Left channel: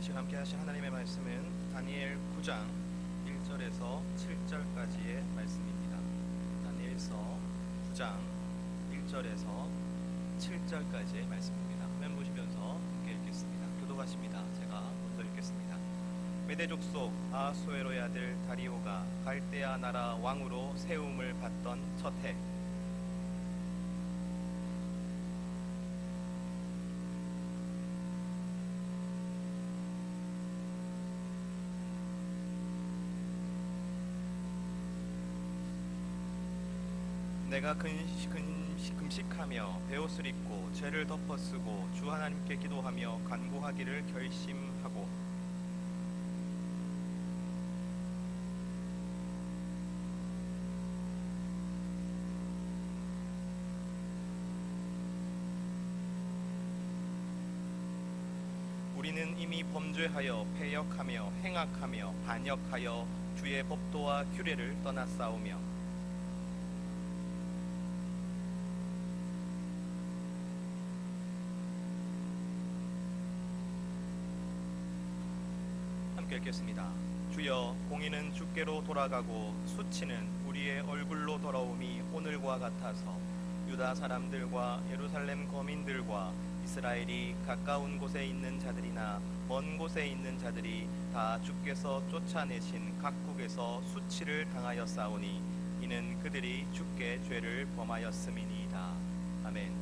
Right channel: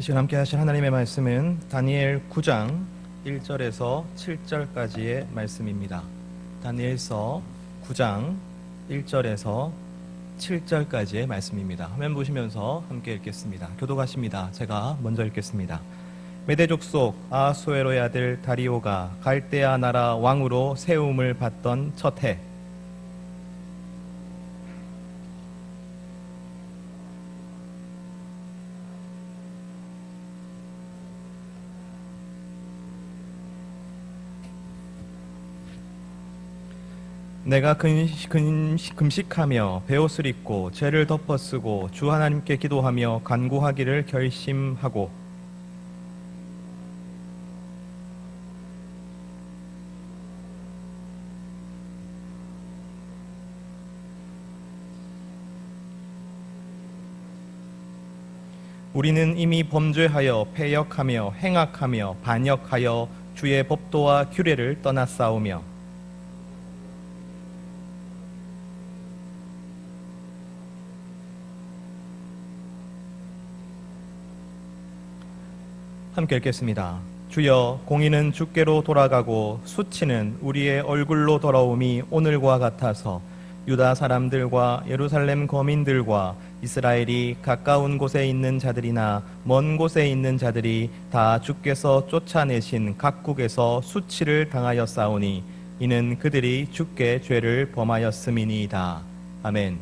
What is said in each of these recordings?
이 시간 함께 하실 하나님의 말씀은 다니엘 9장 1절에서 7절까지의 말씀입니다. 다니엘서 9장 1절에서 7절까지의 말씀입니다. 화면 보시면서 함께 읽겠습니다. 교독하십니다. 제가 먼저 읽겠습니다. 메대 족속 아하수에로의 아들 다리오가 갈대아 나라 왕으로 세움을 받던 첫 해, 내가 금식하며 베옷을 입고 죄를 덮어쓰고 주 하나님께 기도하며 간구하기를 결심하고 우리는 이미 범죄하여 패역하며 행악하며 반역하여 주의 법도와 규례를 떠났사오며 함께 읽겠습니다. 주여, 공의는 주께로 돌아가고 수치는 우리의 얼굴로 돌아옴이 오늘과 같아서 유다 사람들과 예루살렘 거민들과 이스라엘이 가까운 곳에 있는 자들이나 먼 곳에 있는 자들이 다 주께서 쫓아내신 각국에서 수치를 당하였사오니 이는 그들이 주께 죄를 범하였음이니이다. 아멘.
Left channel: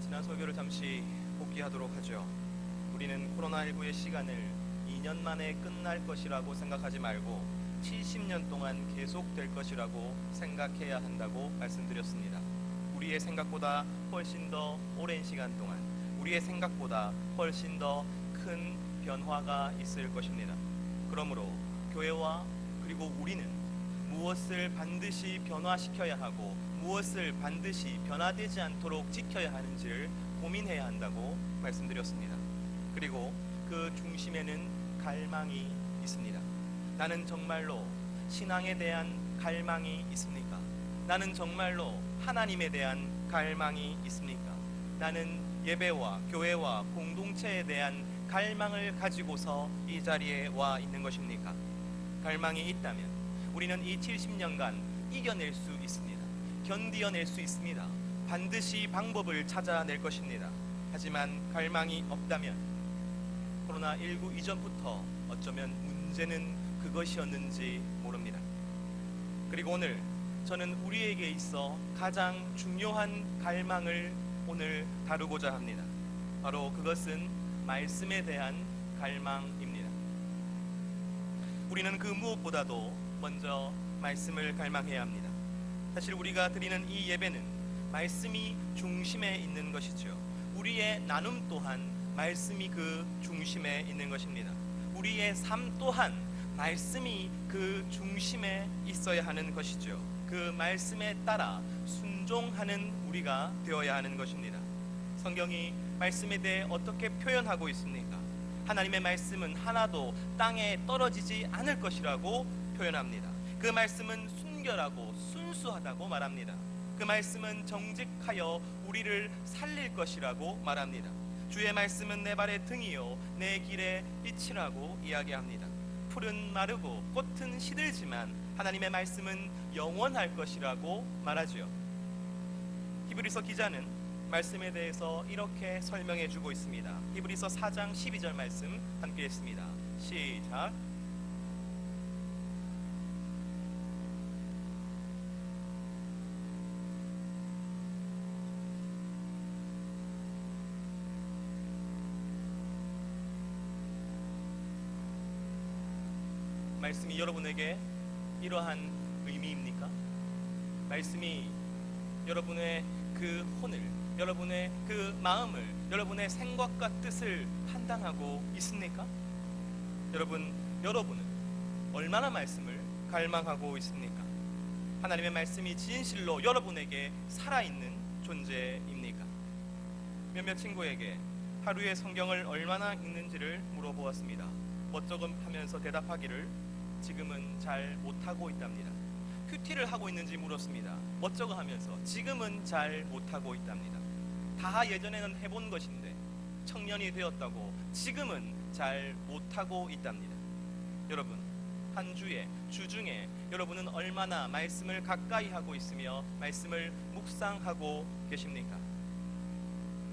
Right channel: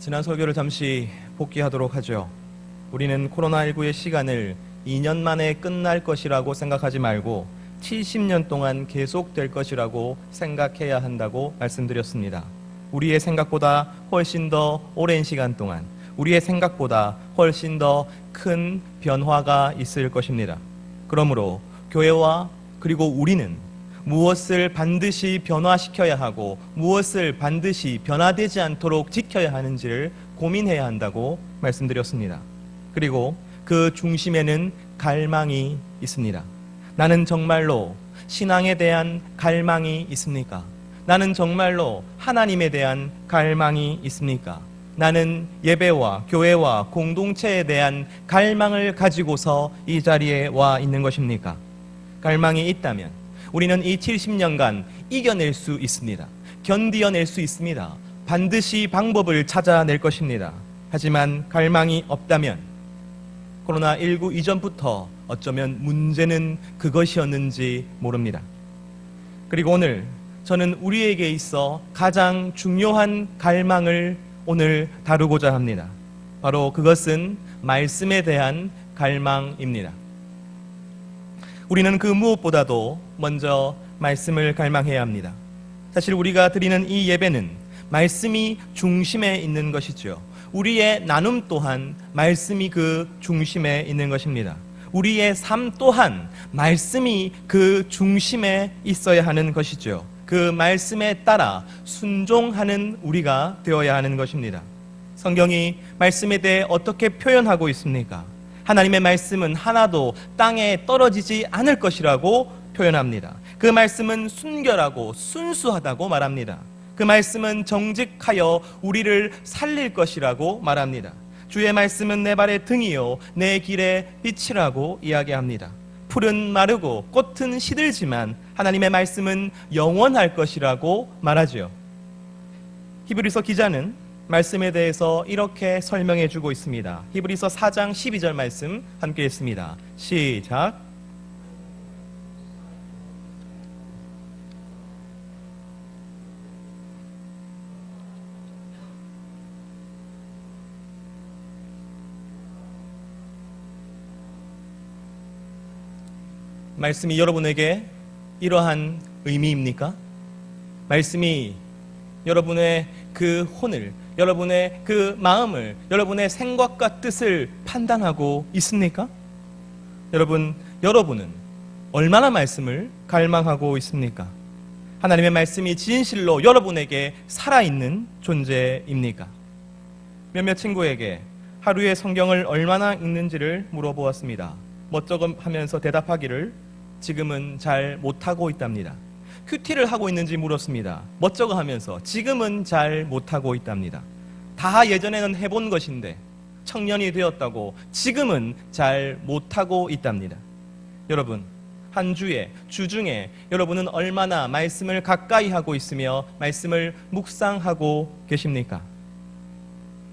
지난 설교를 잠시 복귀하도록 하죠. 우리는 코로나19의 시간을 2년 만에 끝날 것이라고 생각하지 말고 70년 동안 계속될 것이라고 생각해야 한다고 말씀드렸습니다. 우리의 생각보다 훨씬 더 오랜 시간 동안, 우리의 생각보다 훨씬 더 큰 변화가 있을 것입니다. 그러므로 교회와 그리고 우리는 무엇을 반드시 변화시켜야 하고 무엇을 반드시 변화되지 않도록 지켜야 하는지를 고민해야 한다고 말씀드렸습니다. 그리고 그 중심에는 갈망이 있습니다. 나는 정말로 신앙에 대한 갈망이 있습니까? 나는 정말로 하나님에 대한 갈망이 있습니까? 나는 예배와 교회와 공동체에 대한 갈망을 가지고서 이 자리에 와 있는 것입니까? 갈망이 있다면 우리는 이 70년간 이겨낼 수 있습니다. 견디어낼 수 있습니다. 반드시 방법을 찾아낼 것입니다. 하지만 갈망이 없다면 코로나19 이전부터 어쩌면 문제는 그것이었는지 모릅니다. 그리고 오늘 저는 우리에게 있어 가장 중요한 갈망을 오늘 다루고자 합니다. 바로 그것은 말씀에 대한 갈망입니다. 우리는 그 무엇보다도 먼저 말씀을 갈망해야 합니다. 사실 우리가 드리는 이 예배는 말씀이 중심에 있는 것이죠. 우리의 나눔 또한 말씀이 그 중심에 있는 것입니다. 우리의 삶 또한 말씀이 그 중심에 있어야 하는 것이죠. 그 말씀에 따라 순종하는 우리가 되어야 하는 것입니다. 성경이 말씀에 대해 어떻게 표현하고 있습니까? 하나님의 말씀은 하나도 땅에 떨어지지 않을 것이라고 표현합니다. 그 말씀은 순결하고 순수하다고 말합니다. 그 말씀은 정직하여 우리를 살릴 것이라고 말합니다. 주의 말씀은 내 발의 등이요 내 길의 빛이라고 이야기합니다. 풀은 마르고 꽃은 시들지만 하나님의 말씀은 영원할 것이라고 말하죠. 히브리서 기자는 말씀에 대해서 이렇게 설명해 주고 있습니다. 히브리서 4장 12절 말씀 함께 읽습니다. 시작. 말씀이 여러분에게 이러한 의미입니까? 말씀이 여러분의 그 혼을, 여러분의 그 마음을, 여러분의 생각과 뜻을 판단하고 있습니까? 여러분은 얼마나 말씀을 갈망하고 있습니까? 하나님의 말씀이 진실로 여러분에게 살아있는 존재입니까? 몇몇 친구에게 하루에 성경을 얼마나 읽는지를 물어보았습니다. 멋쩍어 하면서 대답하기를 지금은 잘 못하고 있답니다. 큐티를 하고 있는지 물었습니다. 멋쩍어 하면서 지금은 잘 못하고 있답니다. 다 예전에는 해본 것인데 청년이 되었다고 지금은 잘 못하고 있답니다. 여러분, 한 주에, 주중에 여러분은 얼마나 말씀을 가까이 하고 있으며 말씀을 묵상하고 계십니까?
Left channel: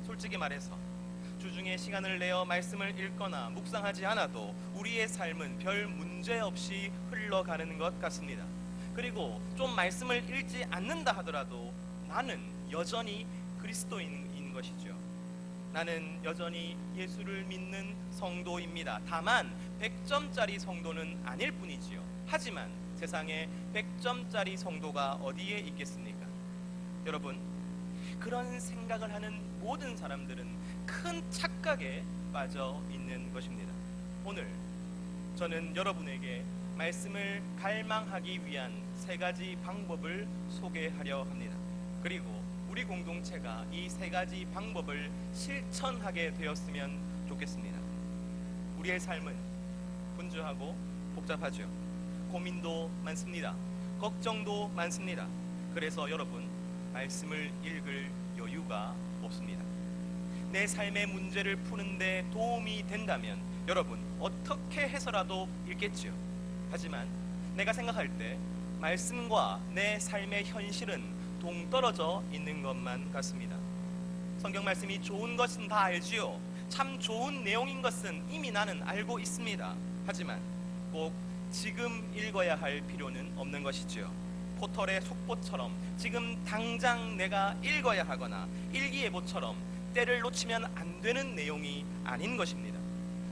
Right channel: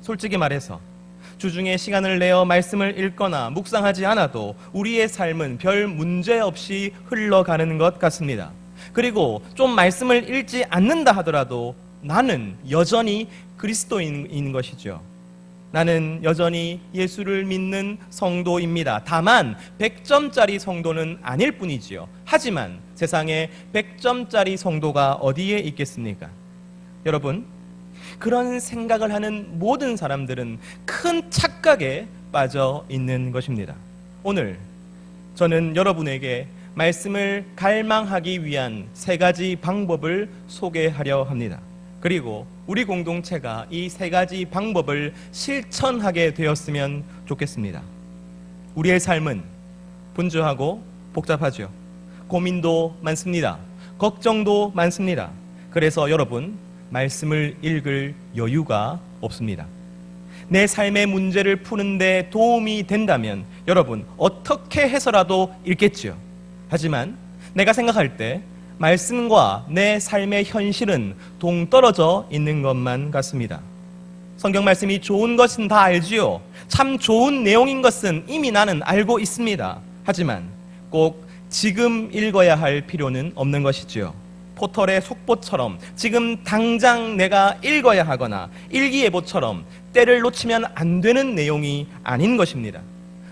솔직히 말해서 주중에 시간을 내어 말씀을 읽거나 묵상하지 않아도 우리의 삶은 별 문제 없이 흘러가는 것 같습니다. 그리고 좀 말씀을 읽지 않는다 하더라도 나는 여전히 그리스도인인 것이죠. 나는 여전히 예수를 믿는 성도입니다. 다만 100점짜리 성도는 아닐 뿐이지요. 하지만 세상에 100점짜리 성도가 어디에 있겠습니까? 여러분, 그런 생각을 하는 모든 사람들은 큰 착각에 빠져 있는 것입니다. 오늘 저는 여러분에게 말씀을 갈망하기 위한 3가지 방법을 소개하려 합니다. 그리고 우리 공동체가 이 3가지 방법을 실천하게 되었으면 좋겠습니다. 우리의 삶은 분주하고 복잡하죠. 고민도 많습니다. 걱정도 많습니다. 그래서 여러분, 말씀을 읽을 여유가 없습니다. 내 삶의 문제를 푸는데 도움이 된다면 여러분, 어떻게 해서라도 읽겠지요. 하지만 내가 생각할 때 말씀과 내 삶의 현실은 동떨어져 있는 것만 같습니다. 성경 말씀이 좋은 것은 다 알지요. 참 좋은 내용인 것은 이미 나는 알고 있습니다. 하지만 꼭 지금 읽어야 할 필요는 없는 것이지요. 포털의 속보처럼 지금 당장 내가 읽어야 하거나 일기예보처럼 때를 놓치면 안 되는 내용이 아닌 것입니다.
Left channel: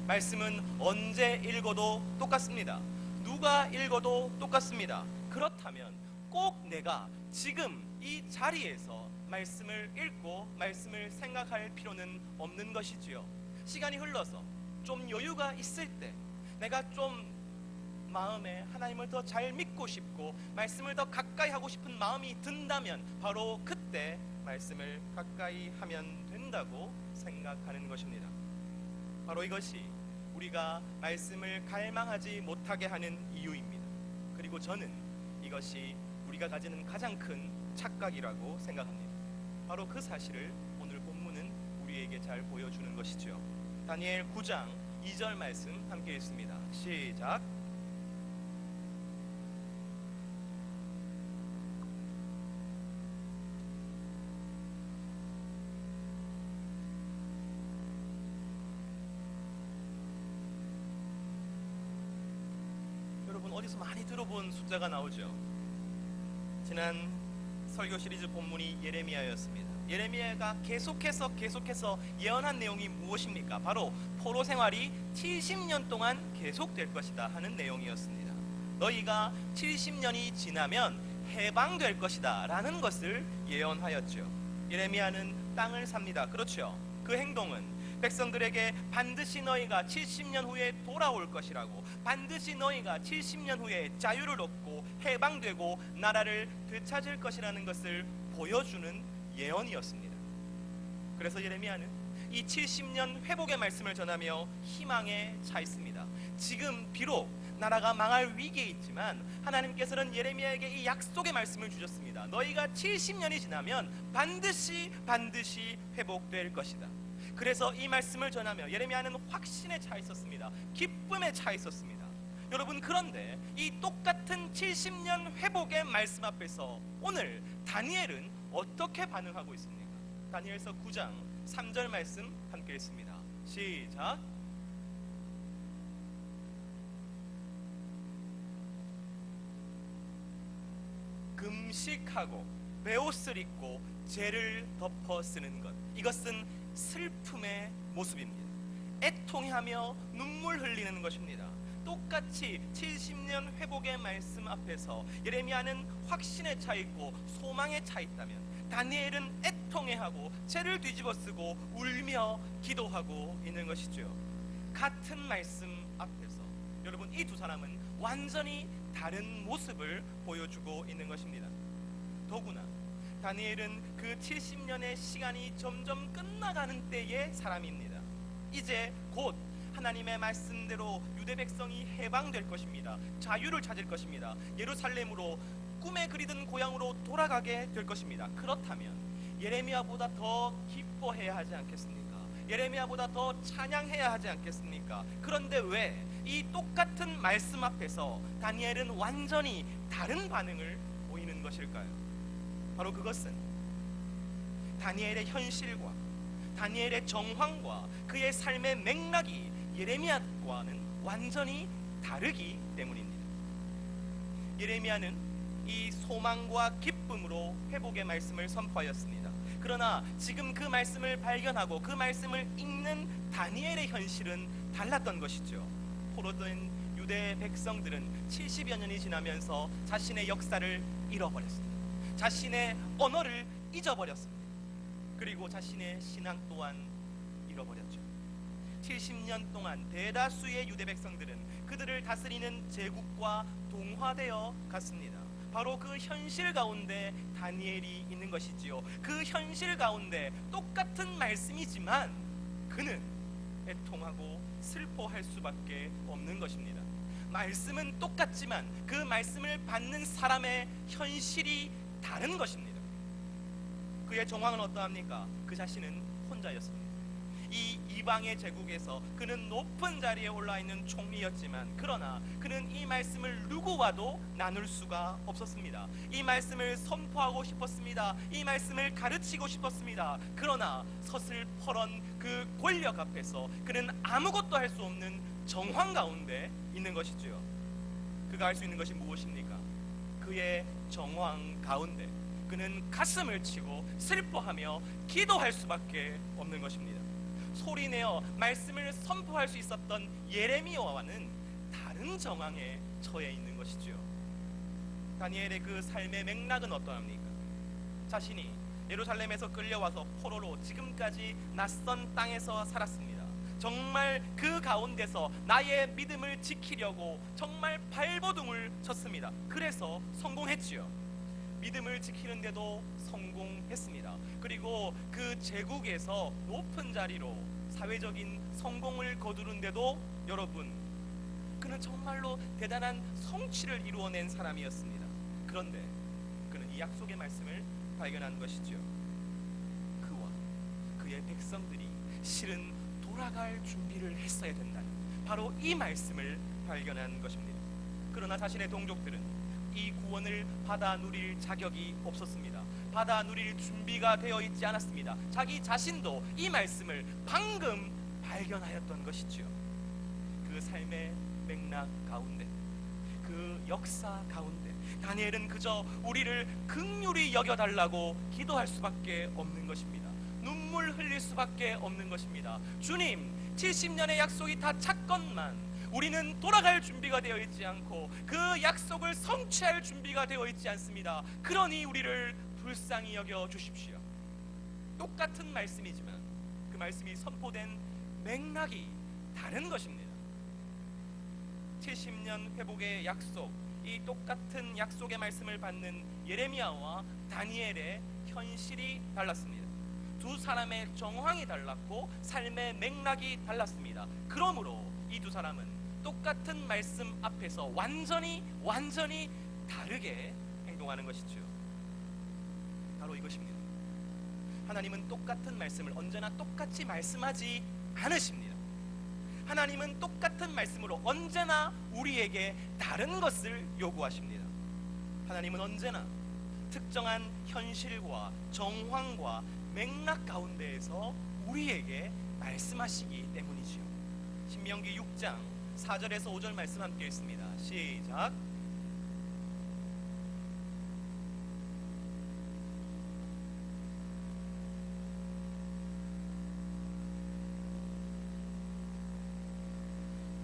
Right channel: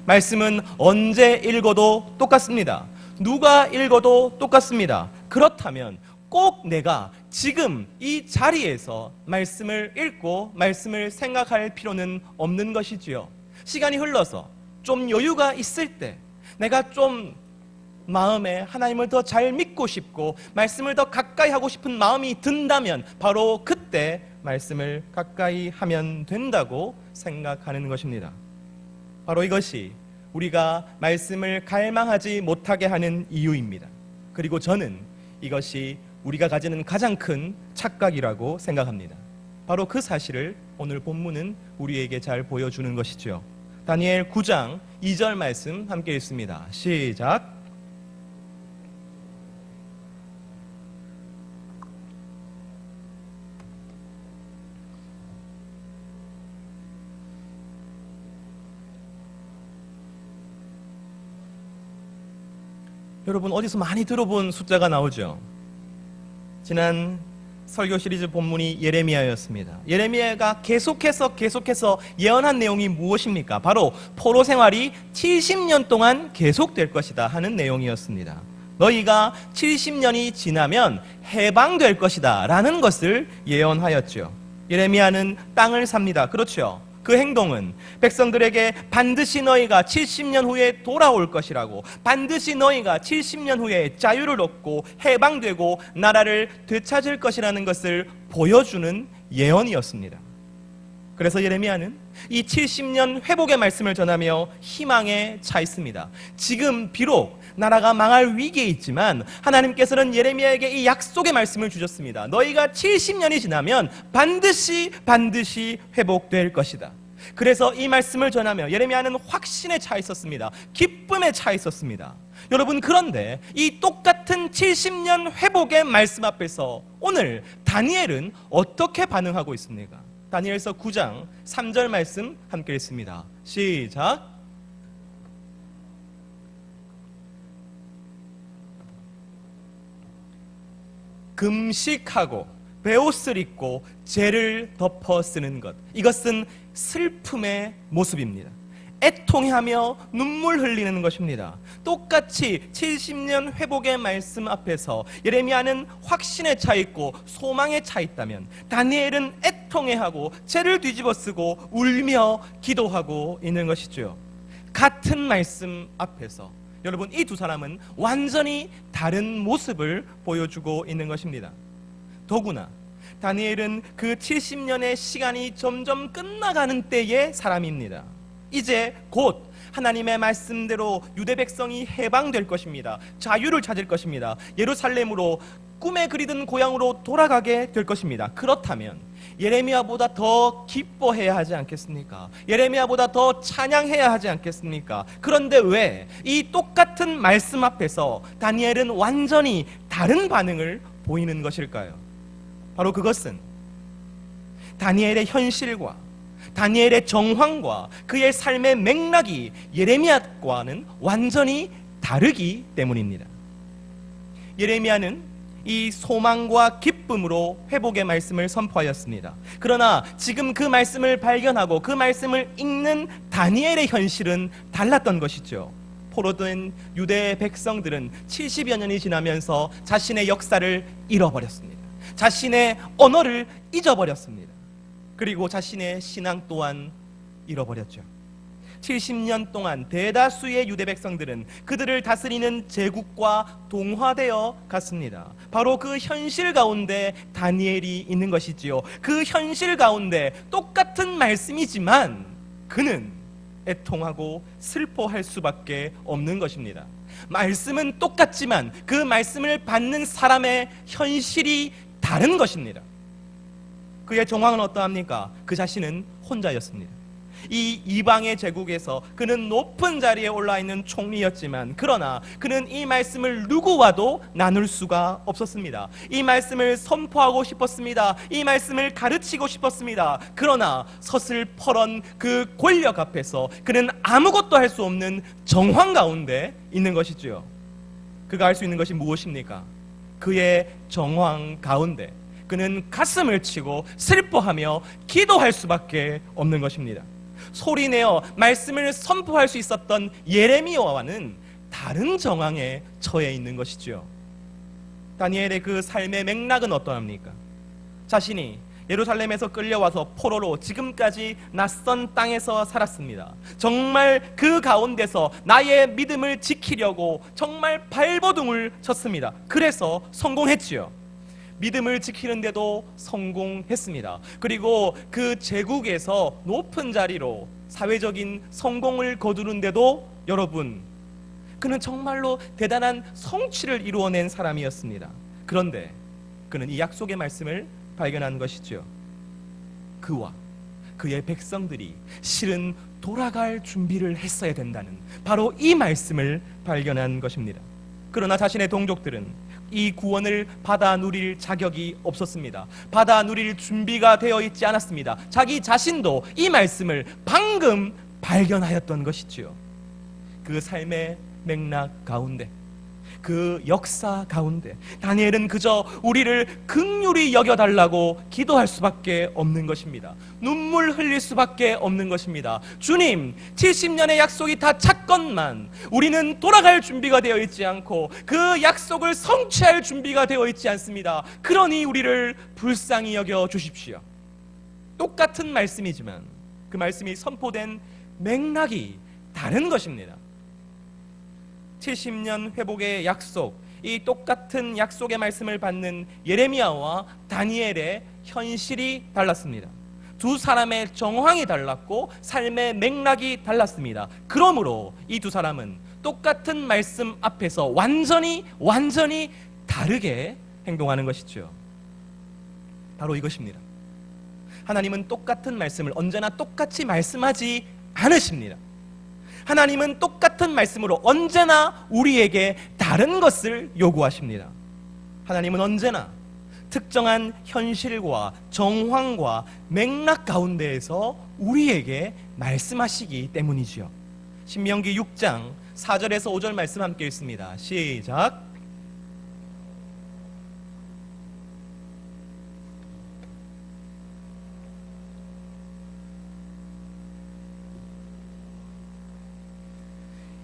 말씀은 언제 읽어도 똑같습니다. 누가 읽어도 똑같습니다. 그렇다면 꼭 내가 지금 이 자리에서 말씀을 읽고 말씀을 생각할 필요는 없는 것이지요. 시간이 흘러서 좀 여유가 있을 때 내가 좀 마음에 하나님을 더 잘 믿고 싶고 말씀을 더 가까이 하고 싶은 마음이 든다면 바로 그때 말씀을 가까이 하면 된다고 생각하는 것입니다. 바로 이것이 우리가 말씀을 갈망하지 못하게 하는 이유입니다. 그리고 저는 이것이 우리가 가지는 가장 큰 착각이라고 생각합니다. 바로 그 사실을 오늘 본문은 우리에게 잘 보여주는 것이죠. 다니엘 9장 2절 말씀 함께 읽습니다. 시작. 여러분, 어디서 많이 들어본 숫자가 나오죠. 지난 설교 시리즈 본문이 예레미야였습니다. 예레미야가 계속해서 예언한 내용이 무엇입니까? 바로 포로 생활이 70년 동안 계속될 것이다 하는 내용이었습니다. 너희가 70년이 지나면 해방될 것이다 라는 것을 예언하였죠. 예레미야는 땅을 삽니다. 그렇죠. 그 행동은 백성들에게 반드시 너희가 70년 후에 돌아올 것이라고, 반드시 너희가 70년 후에 자유를 얻고 해방되고 나라를 되찾을 것이라는 것을 보여주는 예언이었습니다. 그래서 예레미야는 이 70년 회복의 말씀을 전하며 희망에 차 있습니다. 지금 비록 나라가 망할 위기에 있지만 하나님께서는 예레미야에게 이 약속의 말씀을 주셨습니다. 너희가 70년이 지나면 반드시 회복될 것이다. 그래서 이 말씀을 전하며 예레미야는 확신에 차 있었습니다. 기쁨에 차 있었습니다. 여러분, 그런데 이 똑같은 70년 회복의 말씀 앞에서 오늘 다니엘은 어떻게 반응하고 있습니까? 다니엘서 9장 3절 말씀 함께 읽습니다. 시작. 금식하고 베옷을 입고 죄를 덮어 쓰는 것, 이것은 슬픔의 모습입니다. 애통해하며 눈물 흘리는 것입니다. 똑같이 70년 회복의 말씀 앞에서 예레미야는 확신에 차 있고 소망에 차 있다면 다니엘은 애통해하고 죄를 뒤집어 쓰고 울며 기도하고 있는 것이죠. 같은 말씀 앞에서 여러분, 이 두 사람은 완전히 다른 모습을 보여주고 있는 것입니다. 더구나 다니엘은 그 70년의 시간이 점점 끝나가는 때의 사람입니다. 이제 곧 하나님의 말씀대로 유대 백성이 해방될 것입니다. 자유를 찾을 것입니다. 예루살렘으로 꿈에 그리던 고향으로 돌아가게 될 것입니다. 그렇다면 예레미야보다 더 기뻐해야 하지 않겠습니까? 예레미야보다 더 찬양해야 하지 않겠습니까? 그런데 왜 이 똑같은 말씀 앞에서 다니엘은 완전히 다른 반응을 보이는 것일까요? 바로 그것은 다니엘의 현실과 다니엘의 정황과 그의 삶의 맥락이 예레미야과는 완전히 다르기 때문입니다. 예레미야는 이 소망과 기쁨으로 회복의 말씀을 선포하였습니다. 그러나 지금 그 말씀을 발견하고 그 말씀을 읽는 다니엘의 현실은 달랐던 것이죠. 포로된 유대 백성들은 70여 년이 지나면서 자신의 역사를 잃어버렸습니다. 자신의 언어를 잊어버렸습니다. 그리고 자신의 신앙 또한 잃어버렸죠. 70년 동안 대다수의 유대 백성들은 그들을 다스리는 제국과 동화되어 갔습니다. 바로 그 현실 가운데 다니엘이 있는 것이지요. 그 현실 가운데 똑같은 말씀이지만 그는 애통하고 슬퍼할 수밖에 없는 것입니다. 말씀은 똑같지만 그 말씀을 받는 사람의 현실이 다른 것입니다. 그의 정황은 어떠합니까? 그 자신은 혼자였습니다. 이 이방의 제국에서 그는 높은 자리에 올라 있는 총리였지만 그러나 그는 이 말씀을 누구와도 나눌 수가 없었습니다. 이 말씀을 선포하고 싶었습니다. 이 말씀을 가르치고 싶었습니다. 그러나 서슬퍼런 그 권력 앞에서 그는 아무것도 할 수 없는 정황 가운데 있는 것이지요. 그가 할 수 있는 것이 무엇입니까? 그의 정황 가운데 그는 가슴을 치고 슬퍼하며 기도할 수밖에 없는 것입니다. 소리내어 말씀을 선포할 수 있었던 예레미야와는 다른 정황에 처해 있는 것이죠. 다니엘의 그 삶의 맥락은 어떠합니까? 자신이 예루살렘에서 끌려와서 포로로 지금까지 낯선 땅에서 살았습니다. 정말 그 가운데서 나의 믿음을 지키려고 정말 발버둥을 쳤습니다. 그래서 성공했지요. 믿음을 지키는데도 성공했습니다. 그리고 그 제국에서 높은 자리로 사회적인 성공을 거두는데도 여러분, 그는 정말로 대단한 성취를 이루어낸 사람이었습니다. 그런데 그는 이 약속의 말씀을 발견한 것이죠. 그와 그의 백성들이 실은 돌아갈 준비를 했어야 된다는 바로 이 말씀을 발견한 것입니다. 그러나 자신의 동족들은 이 구원을 받아 누릴 자격이 없었습니다. 받아 누릴 준비가 되어 있지 않았습니다. 자기 자신도 이 말씀을 방금 발견하였던 것이지요. 그 삶의 맥락 가운데, 그 역사 가운데 다니엘은 그저 우리를 긍휼히 여겨달라고 기도할 수밖에 없는 것입니다. 눈물 흘릴 수밖에 없는 것입니다. 주님, 70년의 약속이 다 찼건만 우리는 돌아갈 준비가 되어 있지 않고 그 약속을 성취할 준비가 되어 있지 않습니다. 그러니 우리를 불쌍히 여겨 주십시오. 똑같은 말씀이지만 그 말씀이 선포된 맥락이 다른 것입니다. 70년 회복의 약속, 이 똑같은 약속의 말씀을 받는 예레미야와 다니엘의 현실이 달랐습니다. 두 사람의 정황이 달랐고 삶의 맥락이 달랐습니다. 그러므로 이 두 사람은 똑같은 말씀 앞에서 완전히 다르게 행동하는 것이죠. 바로 이것입니다. 하나님은 똑같은 말씀을 언제나 똑같이 말씀하지 않으십니다. 하나님은 똑같은 말씀으로 언제나 우리에게 다른 것을 요구하십니다. 하나님은 언제나 특정한 현실과 정황과 맥락 가운데에서 우리에게 말씀하시기 때문이지요. 신명기 6장 4절에서 5절 말씀 함께 읽습니다. 시작.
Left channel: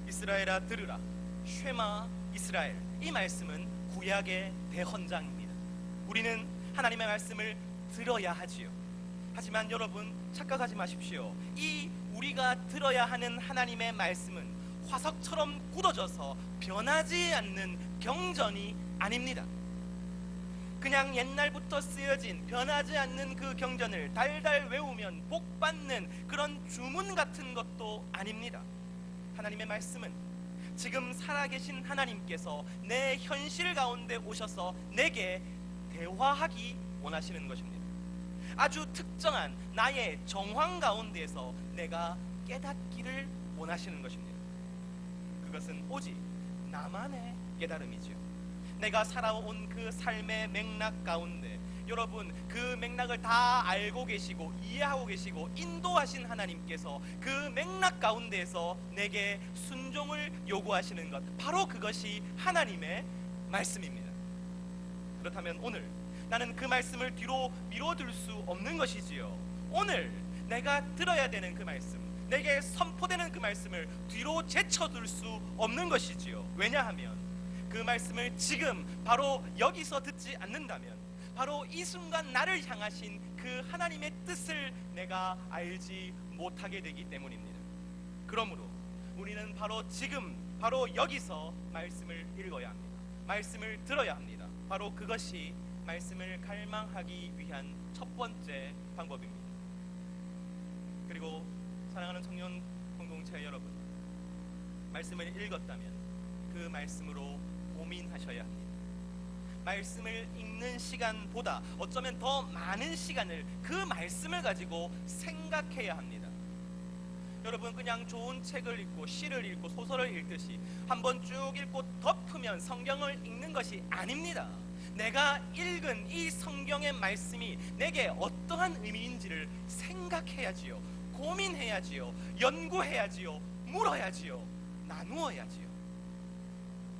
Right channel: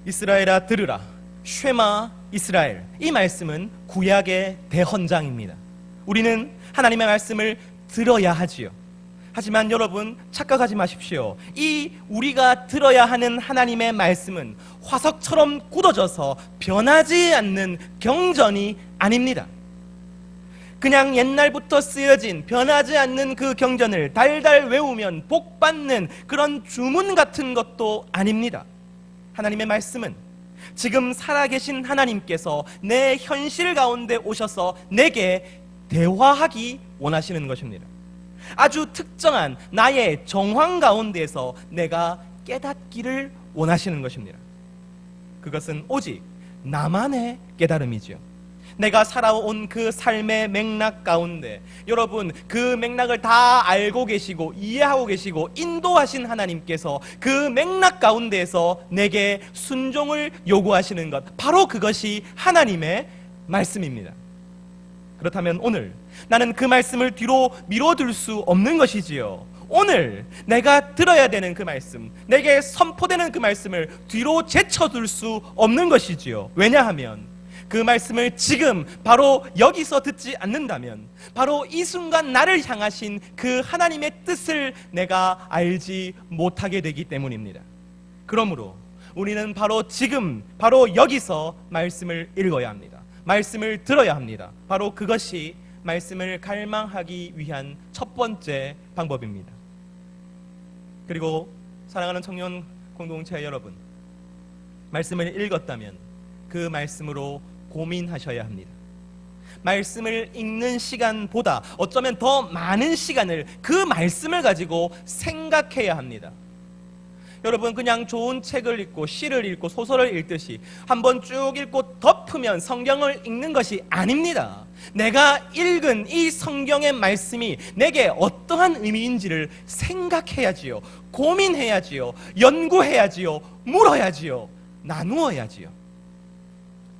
이스라엘아 들으라, 쉐마 이스라엘. 이 말씀은 구약의 대헌장입니다. 우리는 하나님의 말씀을 들어야 하지요. 하지만 여러분 착각하지 마십시오. 이 우리가 들어야 하는 하나님의 말씀은 화석처럼 굳어져서 변하지 않는 경전이 아닙니다. 그냥 옛날부터 쓰여진 변하지 않는 그 경전을 달달 외우면 복 받는 그런 주문 같은 것도 아닙니다. 하나님의 말씀은 지금 살아계신 하나님께서 내 현실 가운데 오셔서 내게 대화하기 원하시는 것입니다. 아주 특정한 나의 정황 가운데서 내가 깨닫기를 원하시는 것입니다. 그것은 오직 나만의 깨달음이지요. 내가 살아온 그 삶의 맥락 가운데 여러분 그 맥락을 다 알고 계시고 이해하고 계시고 인도하신 하나님께서 그 맥락 가운데에서 내게 순종을 요구하시는 것, 바로 그것이 하나님의 말씀입니다. 그렇다면 오늘 나는 그 말씀을 뒤로 미뤄둘 수 없는 것이지요. 오늘 내가 들어야 되는 그 말씀, 내게 선포되는 그 말씀을 뒤로 제쳐둘 수 없는 것이지요. 왜냐하면 그 말씀을 지금 바로 여기서 듣지 않는다면 바로 이 순간 나를 향하신 그 하나님의 뜻을 내가 알지 못하게 되기 때문입니다. 그러므로 우리는 바로 지금 바로 여기서 말씀을 읽어야 합니다. 말씀을 들어야 합니다. 바로 그것이 말씀을 갈망하기 위한 첫 번째 방법입니다. 그리고 사랑하는 청년 공동체 여러분, 말씀을 읽었다면 그 말씀으로 고민하셔야 합니다. 말씀을 읽는 시간보다 어쩌면 더 많은 시간을 그 말씀을 가지고 생각해야 합니다. 여러분, 그냥 좋은 책을 읽고 시를 읽고 소설을 읽듯이 한번 쭉 읽고 덮으면 성경을 읽는 것이 아닙니다. 내가 읽은 이 성경의 말씀이 내게 어떠한 의미인지를 생각해야지요, 고민해야지요, 연구해야지요, 물어야지요, 나누어야지요.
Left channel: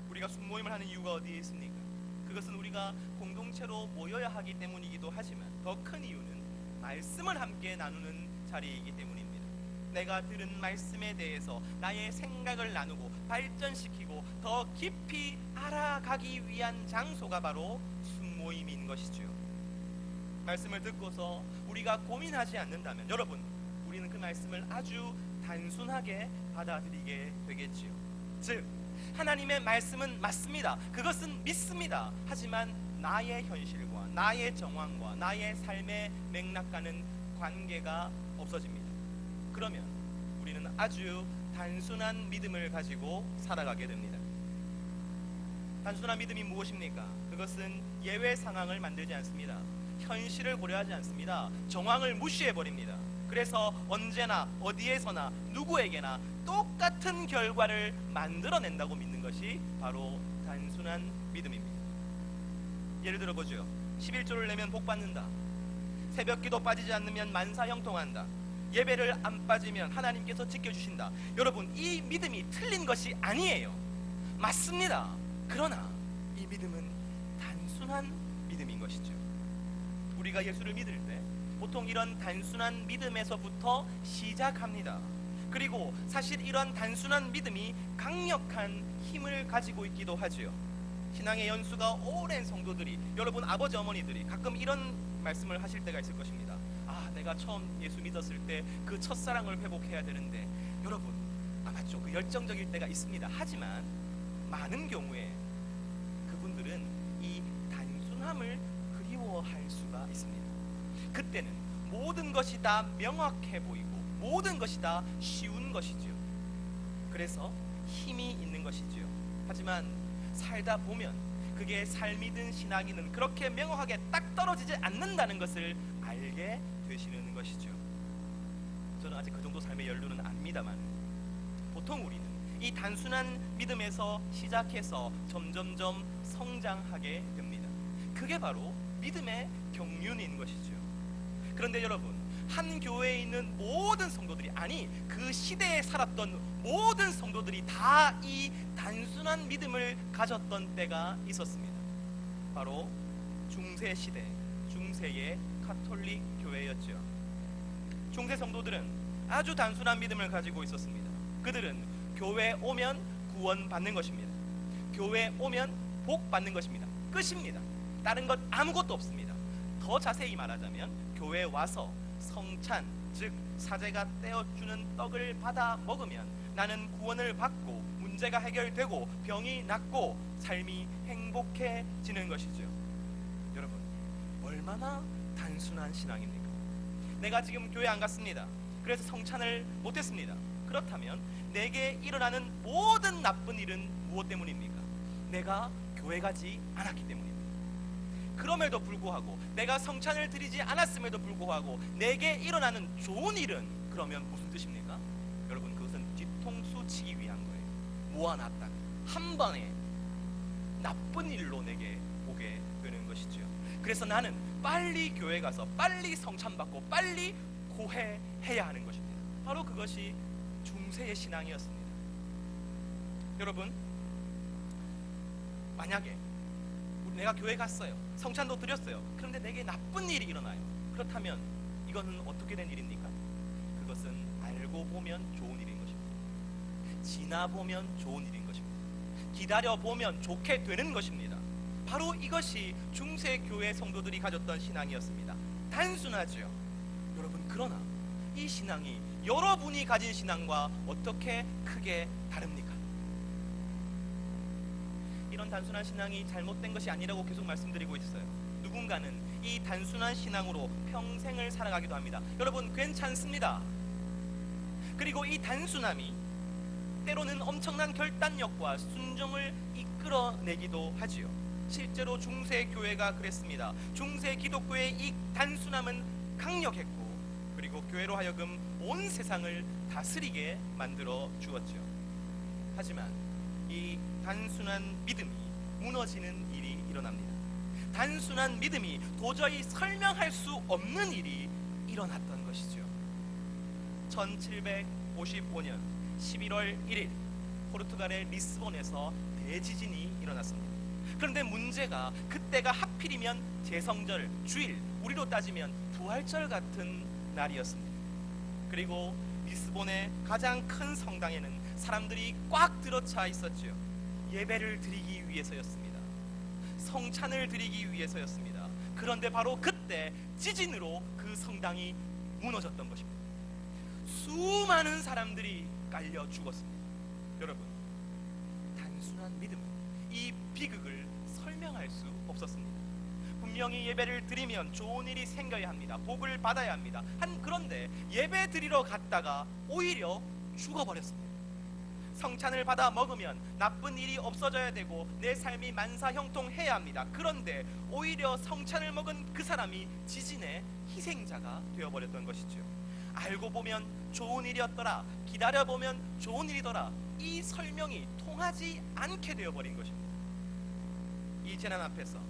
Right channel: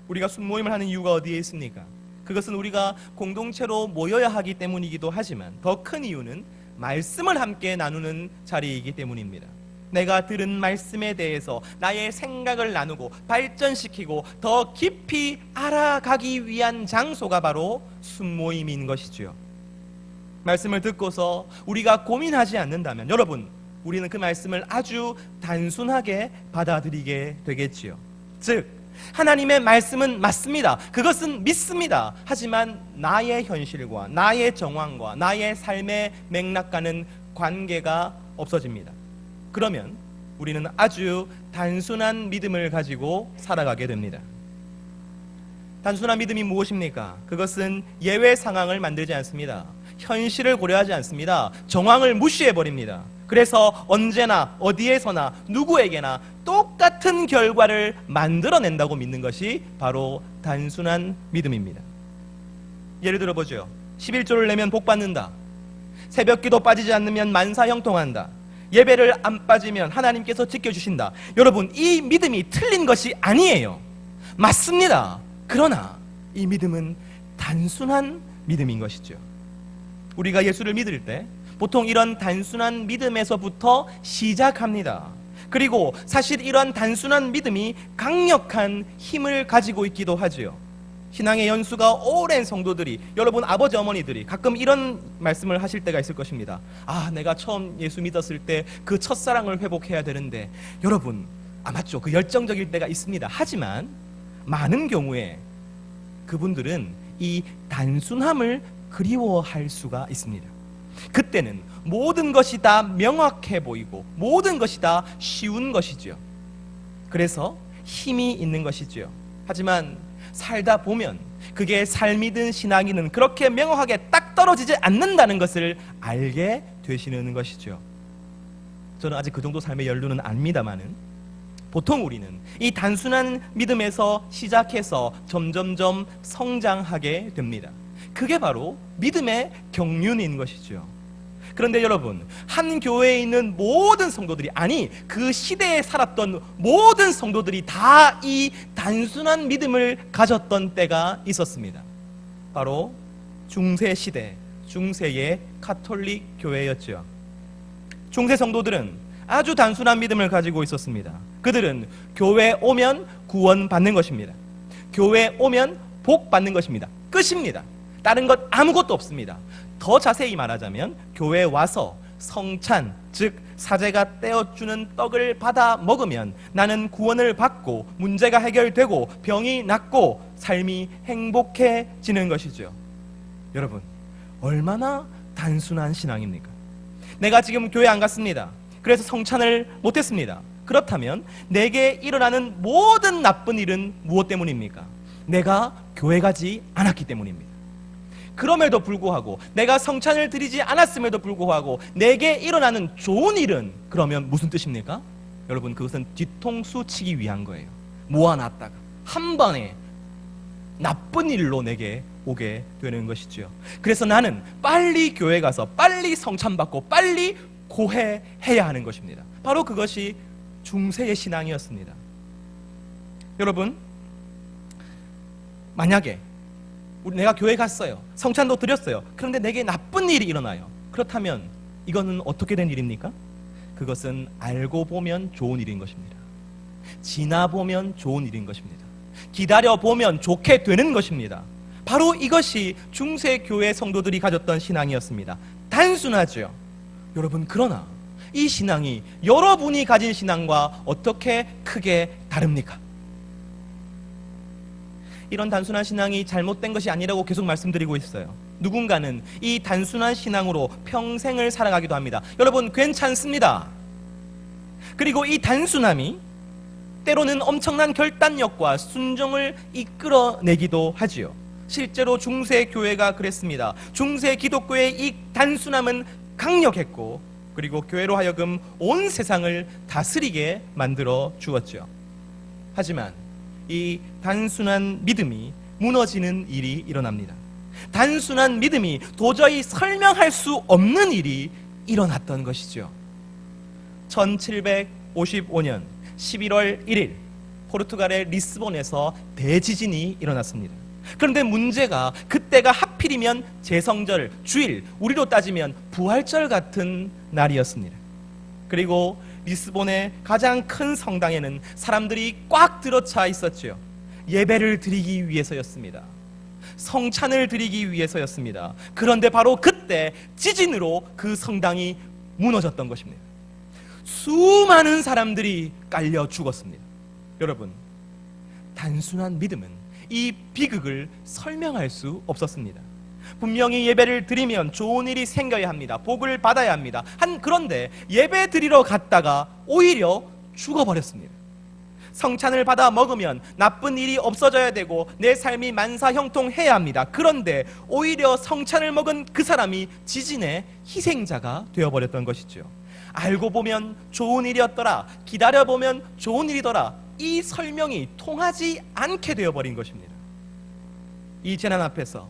우리가 순모임을 하는 이유가 어디에 있습니까? 그것은 우리가 공동체로 모여야 하기 때문이기도 하지만 더 큰 이유는 말씀을 함께 나누는 자리이기 때문입니다. 내가 들은 말씀에 대해서 나의 생각을 나누고 발전시키고 더 깊이 알아가기 위한 장소가 바로 순모임인 것이지요. 말씀을 듣고서 우리가 고민하지 않는다면 여러분, 우리는 그 말씀을 아주 단순하게 받아들이게 되겠지요. 즉, 하나님의 말씀은 맞습니다. 그것은 믿습니다. 하지만 나의 현실과 나의 정황과 나의 삶의 맥락과는 관계가 없어집니다. 그러면 우리는 아주 단순한 믿음을 가지고 살아가게 됩니다. 단순한 믿음이 무엇입니까? 그것은 예외 상황을 만들지 않습니다. 현실을 고려하지 않습니다. 정황을 무시해버립니다. 그래서 언제나 어디에서나 누구에게나 똑같은 결과를 만들어낸다고 믿는 것이 바로 단순한 믿음입니다. 예를 들어 보죠. 11조를 내면 복 받는다. 새벽기도 빠지지 않으면 만사 형통한다. 예배를 안 빠지면 하나님께서 지켜주신다. 여러분, 이 믿음이 틀린 것이 아니에요. 맞습니다. 그러나 이 믿음은 단순한 믿음인 것이죠. 우리가 예수를 믿을 때 보통 이런 단순한 믿음에서부터 시작합니다. 그리고 사실 이런 단순한 믿음이 강력한 힘을 가지고 있기도 하지요. 신앙의 연수가 오랜 성도들이, 여러분 아버지 어머니들이 가끔 이런 말씀을 하실 때가 있을 것입니다. 내가 처음 예수 믿었을 때 그 첫사랑을 회복해야 되는데. 여러분, 맞죠, 그 열정적일 때가 있습니다. 하지만 많은 경우에 그분들은 이 단순함을 그리워할 수가 있습니다. 그때는 모든 것이 다 명확해 보이고 모든 것이 다 쉬운 것이죠. 그래서 힘이 있는 것이죠. 하지만 살다 보면 그게 삶이든 신앙이든 그렇게 명확하게 딱 떨어지지 않는다는 것을 알게 되시는 것이죠. 저는 아직 그 정도 삶의 연륜은 아닙니다만은 보통 우리는 이 단순한 믿음에서 시작해서 점점점 성장하게 됩니다. 그게 바로 믿음의 경륜인 것이죠. 그런데 여러분, 한 교회에 있는 모든 성도들이, 아니 그 시대에 살았던 모든 성도들이 다 이 단순한 믿음을 가졌던 때가 있었습니다. 바로 중세 시대, 중세의 가톨릭 교회였죠. 중세 성도들은 아주 단순한 믿음을 가지고 있었습니다. 그들은 교회 오면 구원 받는 것입니다. 교회 오면 복 받는 것입니다. 끝입니다. 다른 것 아무것도 없습니다. 더 자세히 말하자면 교회에 와서 성찬, 즉 사제가 떼어주는 떡을 받아 먹으면 나는 구원을 받고 문제가 해결되고 병이 낫고 삶이 행복해지는 것이죠. 여러분, 얼마나 단순한 신앙입니까? 내가 지금 교회 안 갔습니다. 그래서 성찬을 못했습니다. 그렇다면 내게 일어나는 모든 나쁜 일은 무엇 때문입니까? 내가 교회 가지 않았기 때문입니다. 그럼에도 불구하고, 내가 성찬을 드리지 않았음에도 불구하고 내게 일어나는 좋은 일은 그러면 무슨 뜻입니까? 여러분, 그것은 뒤통수 치기 위한 거예요. 모아놨다가 한 번에 나쁜 일로 내게 오게 되는 것이지요. 그래서 나는 빨리 교회 가서 빨리 성찬 받고 빨리 고해해야 하는 것입니다. 바로 그것이 중세의 신앙이었습니다. 여러분, 만약에 내가 교회 갔어요, 성찬도 드렸어요, 그런데 내게 나쁜 일이 일어나요. 그렇다면 이거는 어떻게 된 일입니까? 그것은 알고 보면 좋은 일인 것입니다. 지나보면 좋은 일인 것입니다. 기다려보면 좋게 되는 것입니다. 바로 이것이 중세 교회 성도들이 가졌던 신앙이었습니다. 단순하죠. 여러분, 그러나 이 신앙이 여러분이 가진 신앙과 어떻게 크게 다릅니까? 이런 단순한 신앙이 잘못된 것이 아니라고 계속 말씀드리고 있어요. 누군가는 이 단순한 신앙으로 평생을 살아가기도 합니다. 여러분, 괜찮습니다. 그리고 이 단순함이 때로는 엄청난 결단력과 순종을 이끌어내기도 하지요. 실제로 중세 교회가 그랬습니다. 중세 기독교의 이 단순함은 강력했고, 그리고 교회로 하여금 온 세상을 다스리게 만들어 주었죠. 하지만 이 단순한 믿음이 무너지는 일이 일어납니다. 단순한 믿음이 도저히 설명할 수 없는 일이 일어났던 것이죠. 1755년 11월 1일 포르투갈의 리스본에서 대지진이 일어났습니다. 그런데 문제가 그때가 하필이면 제성절, 주일, 우리로 따지면 부활절 같은 날이었습니다. 그리고 리스본의 가장 큰 성당에는 사람들이 꽉 들어차 있었죠. 예배를 드리기 위해서였습니다. 성찬을 드리기 위해서였습니다. 그런데 바로 그때 지진으로 그 성당이 무너졌던 것입니다. 수많은 사람들이 깔려 죽었습니다. 여러분, 단순한 믿음은 이 비극을 설명할 수 없었습니다. 분명히 예배를 드리면 좋은 일이 생겨야 합니다. 복을 받아야 합니다. 그런데 예배 드리러 갔다가 오히려 죽어버렸습니다. 성찬을 받아 먹으면 나쁜 일이 없어져야 되고 내 삶이 만사형통해야 합니다. 그런데 오히려 성찬을 먹은 그 사람이 지진의 희생자가 되어버렸던 것이죠. 알고 보면 좋은 일이었더라, 기다려보면 좋은 일이더라, 이 설명이 통하지 않게 되어버린 것입니다. 이 재난 앞에서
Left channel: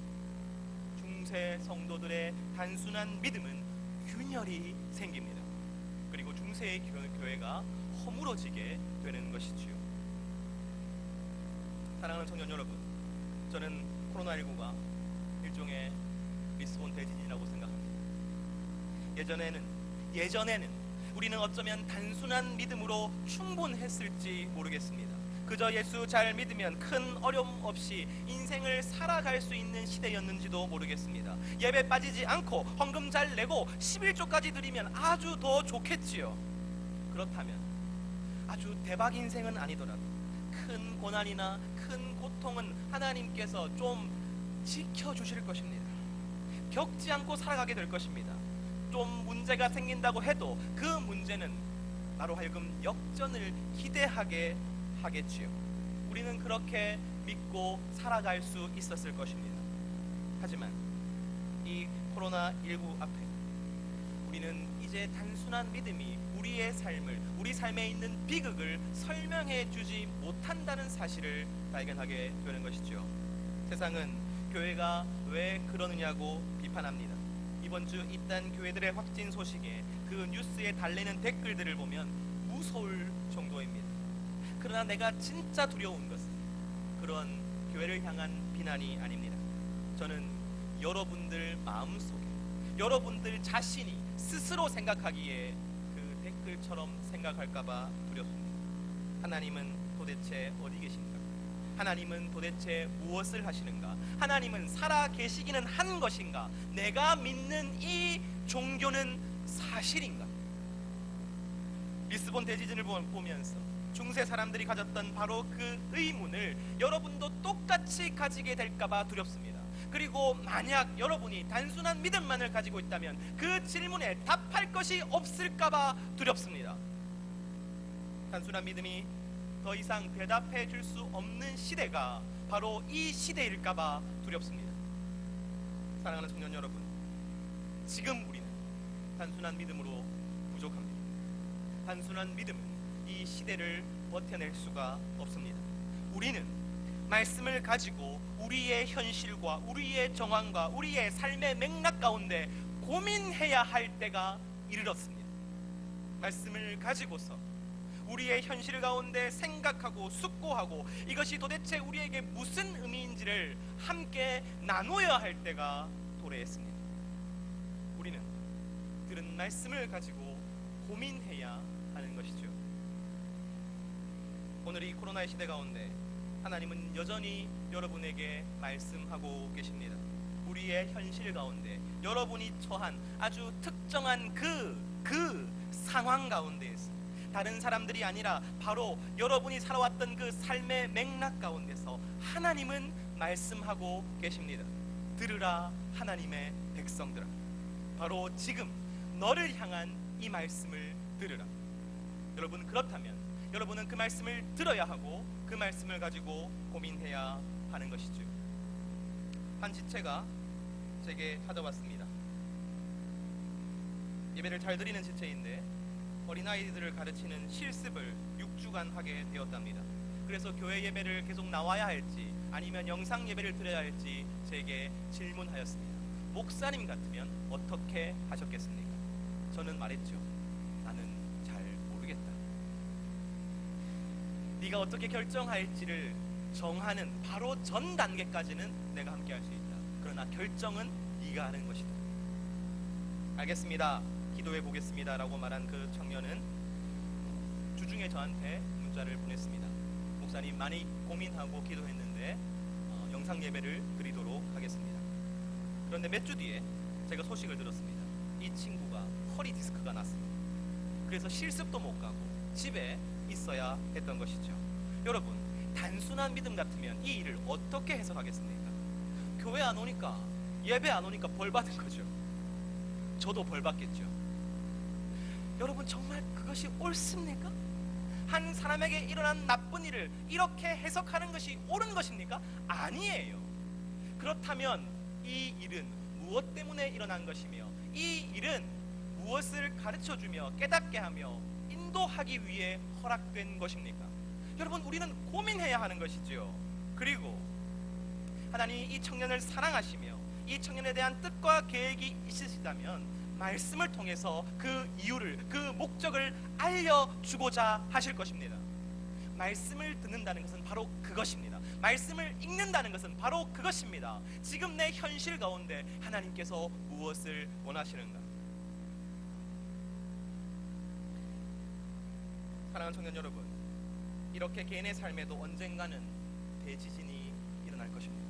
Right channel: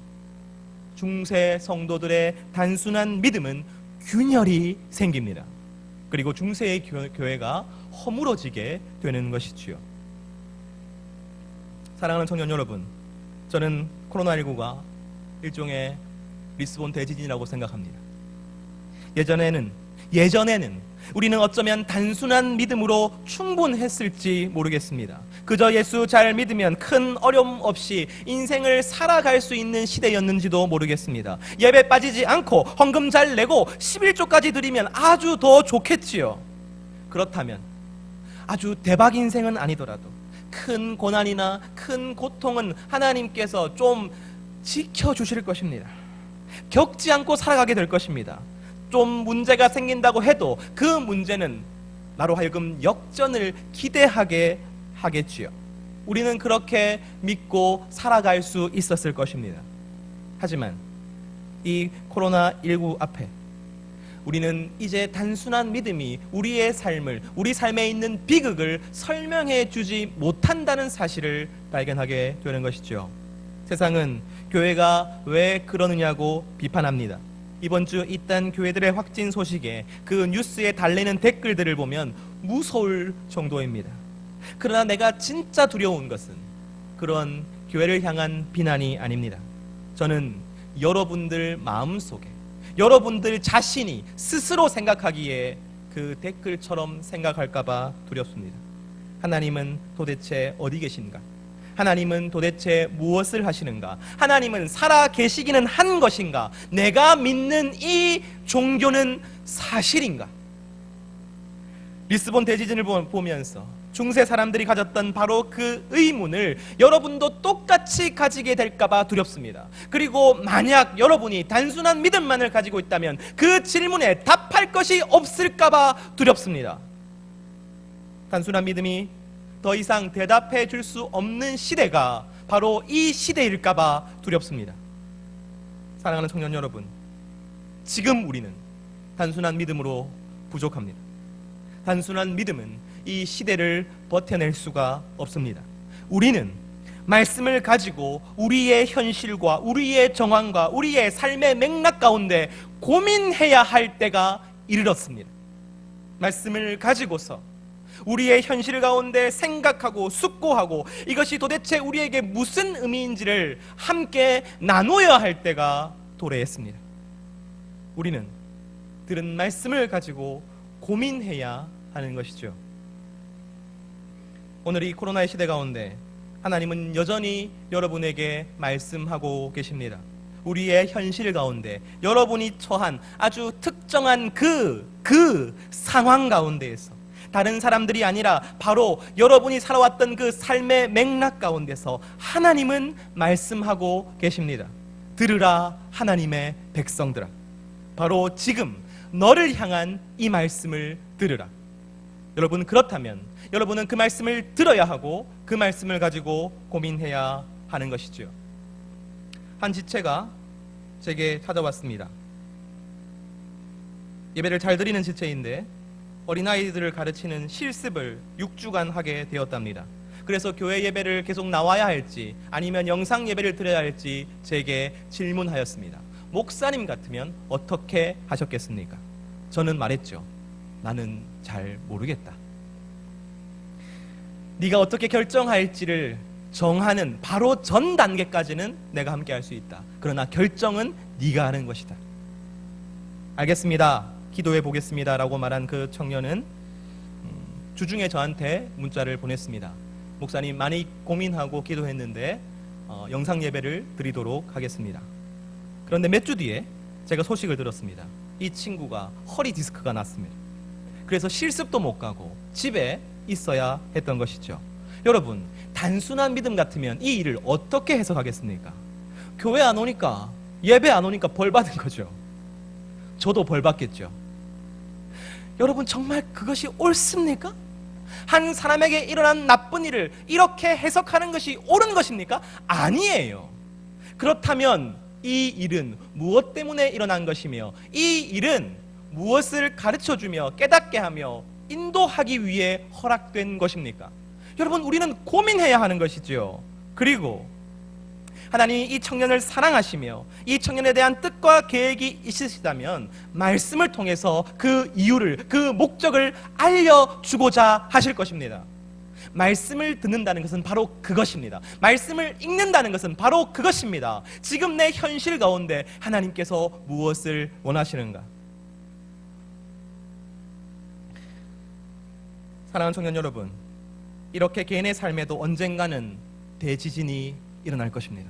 중세 성도들의 단순한 믿음은 균열이 생깁니다. 그리고 중세의 교회가 허물어지게 되는 것이지요. 사랑하는 청년 여러분, 저는 코로나19가 일종의 리스본 대지진이라고 생각합니다. 예전에는 우리는 어쩌면 단순한 믿음으로 충분했을지 모르겠습니다. 그저 예수 잘 믿으면 큰 어려움 없이 인생을 살아갈 수 있는 시대였는지도 모르겠습니다. 예배 빠지지 않고 헌금 잘 내고 11조까지 드리면 아주 더 좋겠지요. 그렇다면 아주 대박 인생은 아니더라도 큰 고난이나 큰 고통은 하나님께서 좀 지켜주실 것입니다. 겪지 않고 살아가게 될 것입니다. 좀 문제가 생긴다고 해도 그 문제는 나로 하여금 역전을 기대하게 하겠지요. 우리는 그렇게 믿고 살아갈 수 있었을 것입니다. 하지만 이 코로나19 앞에 우리는 이제 단순한 믿음이 우리의 삶을, 우리 삶에 있는 비극을 설명해 주지 못한다는 사실을 발견하게 되는 것이죠. 세상은 교회가 왜 그러느냐고 비판합니다. 이번 주 이딴 교회들의 확진 소식에 그 뉴스에 달리는 댓글들을 보면 무서울 정도입니다. 그러나 내가 진짜 두려운 것은 그런 교회를 향한 비난이 아닙니다. 저는 여러분들 마음속에, 여러분들 자신이 스스로 생각하기에 그 댓글처럼 생각할까봐 두렵습니다. 하나님은 도대체 어디 계신가? 하나님은 도대체 무엇을 하시는가? 하나님은 살아 계시기는 한 것인가? 내가 믿는 이 종교는 사실인가? 리스본 대지진을 보면서 중세 사람들이 가졌던 바로 그 의문을 여러분도 똑같이 가지게 될까봐 두렵습니다. 그리고 만약 여러분이 단순한 믿음만을 가지고 있다면 그 질문에 답할 것이 없을까봐 두렵습니다. 단순한 믿음이 더 이상 대답해 줄 수 없는 시대가 바로 이 시대일까봐 두렵습니다. 사랑하는 청년 여러분, 지금 우리는 단순한 믿음으로 부족합니다. 단순한 믿음은 이 시대를 버텨낼 수가 없습니다. 우리는 말씀을 가지고 우리의 현실과 우리의 정황과 우리의 삶의 맥락 가운데 고민해야 할 때가 이르렀습니다. 말씀을 가지고서 우리의 현실 가운데 생각하고 숙고하고 이것이 도대체 우리에게 무슨 의미인지를 함께 나누어야 할 때가 도래했습니다. 우리는 들은 말씀을 가지고 고민해야 하는 것이죠. 오늘 이 코로나의 시대 가운데 하나님은 여전히 여러분에게 말씀하고 계십니다. 우리의 현실 가운데 여러분이 처한 아주 특정한 그 상황 가운데에서 다른 사람들이 아니라 바로 여러분이 살아왔던 그 삶의 맥락 가운데서 하나님은 말씀하고 계십니다. 들으라 하나님의 백성들아, 바로 지금 너를 향한 이 말씀을 들으라. 여러분, 그렇다면 여러분은 그 말씀을 들어야 하고 그 말씀을 가지고 고민해야 하는 것이죠. 한 지체가 제게 찾아왔습니다. 예배를 잘 드리는 지체인데 어린아이들을 가르치는 실습을 6주간 하게 되었답니다. 그래서 교회 예배를 계속 나와야 할지 아니면 영상 예배를 드려야 할지 제게 질문하였습니다. 목사님 같으면 어떻게 하셨겠습니까? 저는 말했죠. 나는 잘 모르겠다. 네가 어떻게 결정할지를 정하는 바로 전 단계까지는 내가 함께 할 수 있다. 그러나 결정은 네가 하는 것이다. 알겠습니다. 기도해 보겠습니다 라고 말한 그 청년은 주중에 저한테 문자를 보냈습니다. 목사님, 많이 고민하고 기도했는데 영상 예배를 드리도록 하겠습니다. 그런데 몇 주 뒤에 제가 소식을 들었습니다. 이 친구가 허리 디스크가 났습니다. 그래서 실습도 못 가고 집에 있어야 했던 것이죠. 여러분, 단순한 믿음 같으면 이 일을 어떻게 해석하겠습니까? 교회 안 오니까, 예배 안 오니까 벌 받은 거죠. 저도 벌 받겠죠. 여러분, 정말 그것이 옳습니까? 한 사람에게 일어난 나쁜 일을 이렇게 해석하는 것이 옳은 것입니까? 아니에요. 그렇다면 이 일은 무엇 때문에 일어난 것이며 이 일은 무엇을 가르쳐주며 깨닫게 하며 인도하기 위해 허락된 것입니까? 여러분, 우리는 고민해야 하는 것이지요. 그리고 하나님이 이 청년을 사랑하시며 이 청년에 대한 뜻과 계획이 있으시다면 말씀을 통해서 그 이유를, 그 목적을 알려주고자 하실 것입니다. 말씀을 듣는다는 것은 바로 그것입니다. 말씀을 읽는다는 것은 바로 그것입니다. 지금 내 현실 가운데 하나님께서 무엇을 원하시는가? 사랑하는 청년 여러분, 이렇게 개인의 삶에도 언젠가는 대지진이 일어날 것입니다.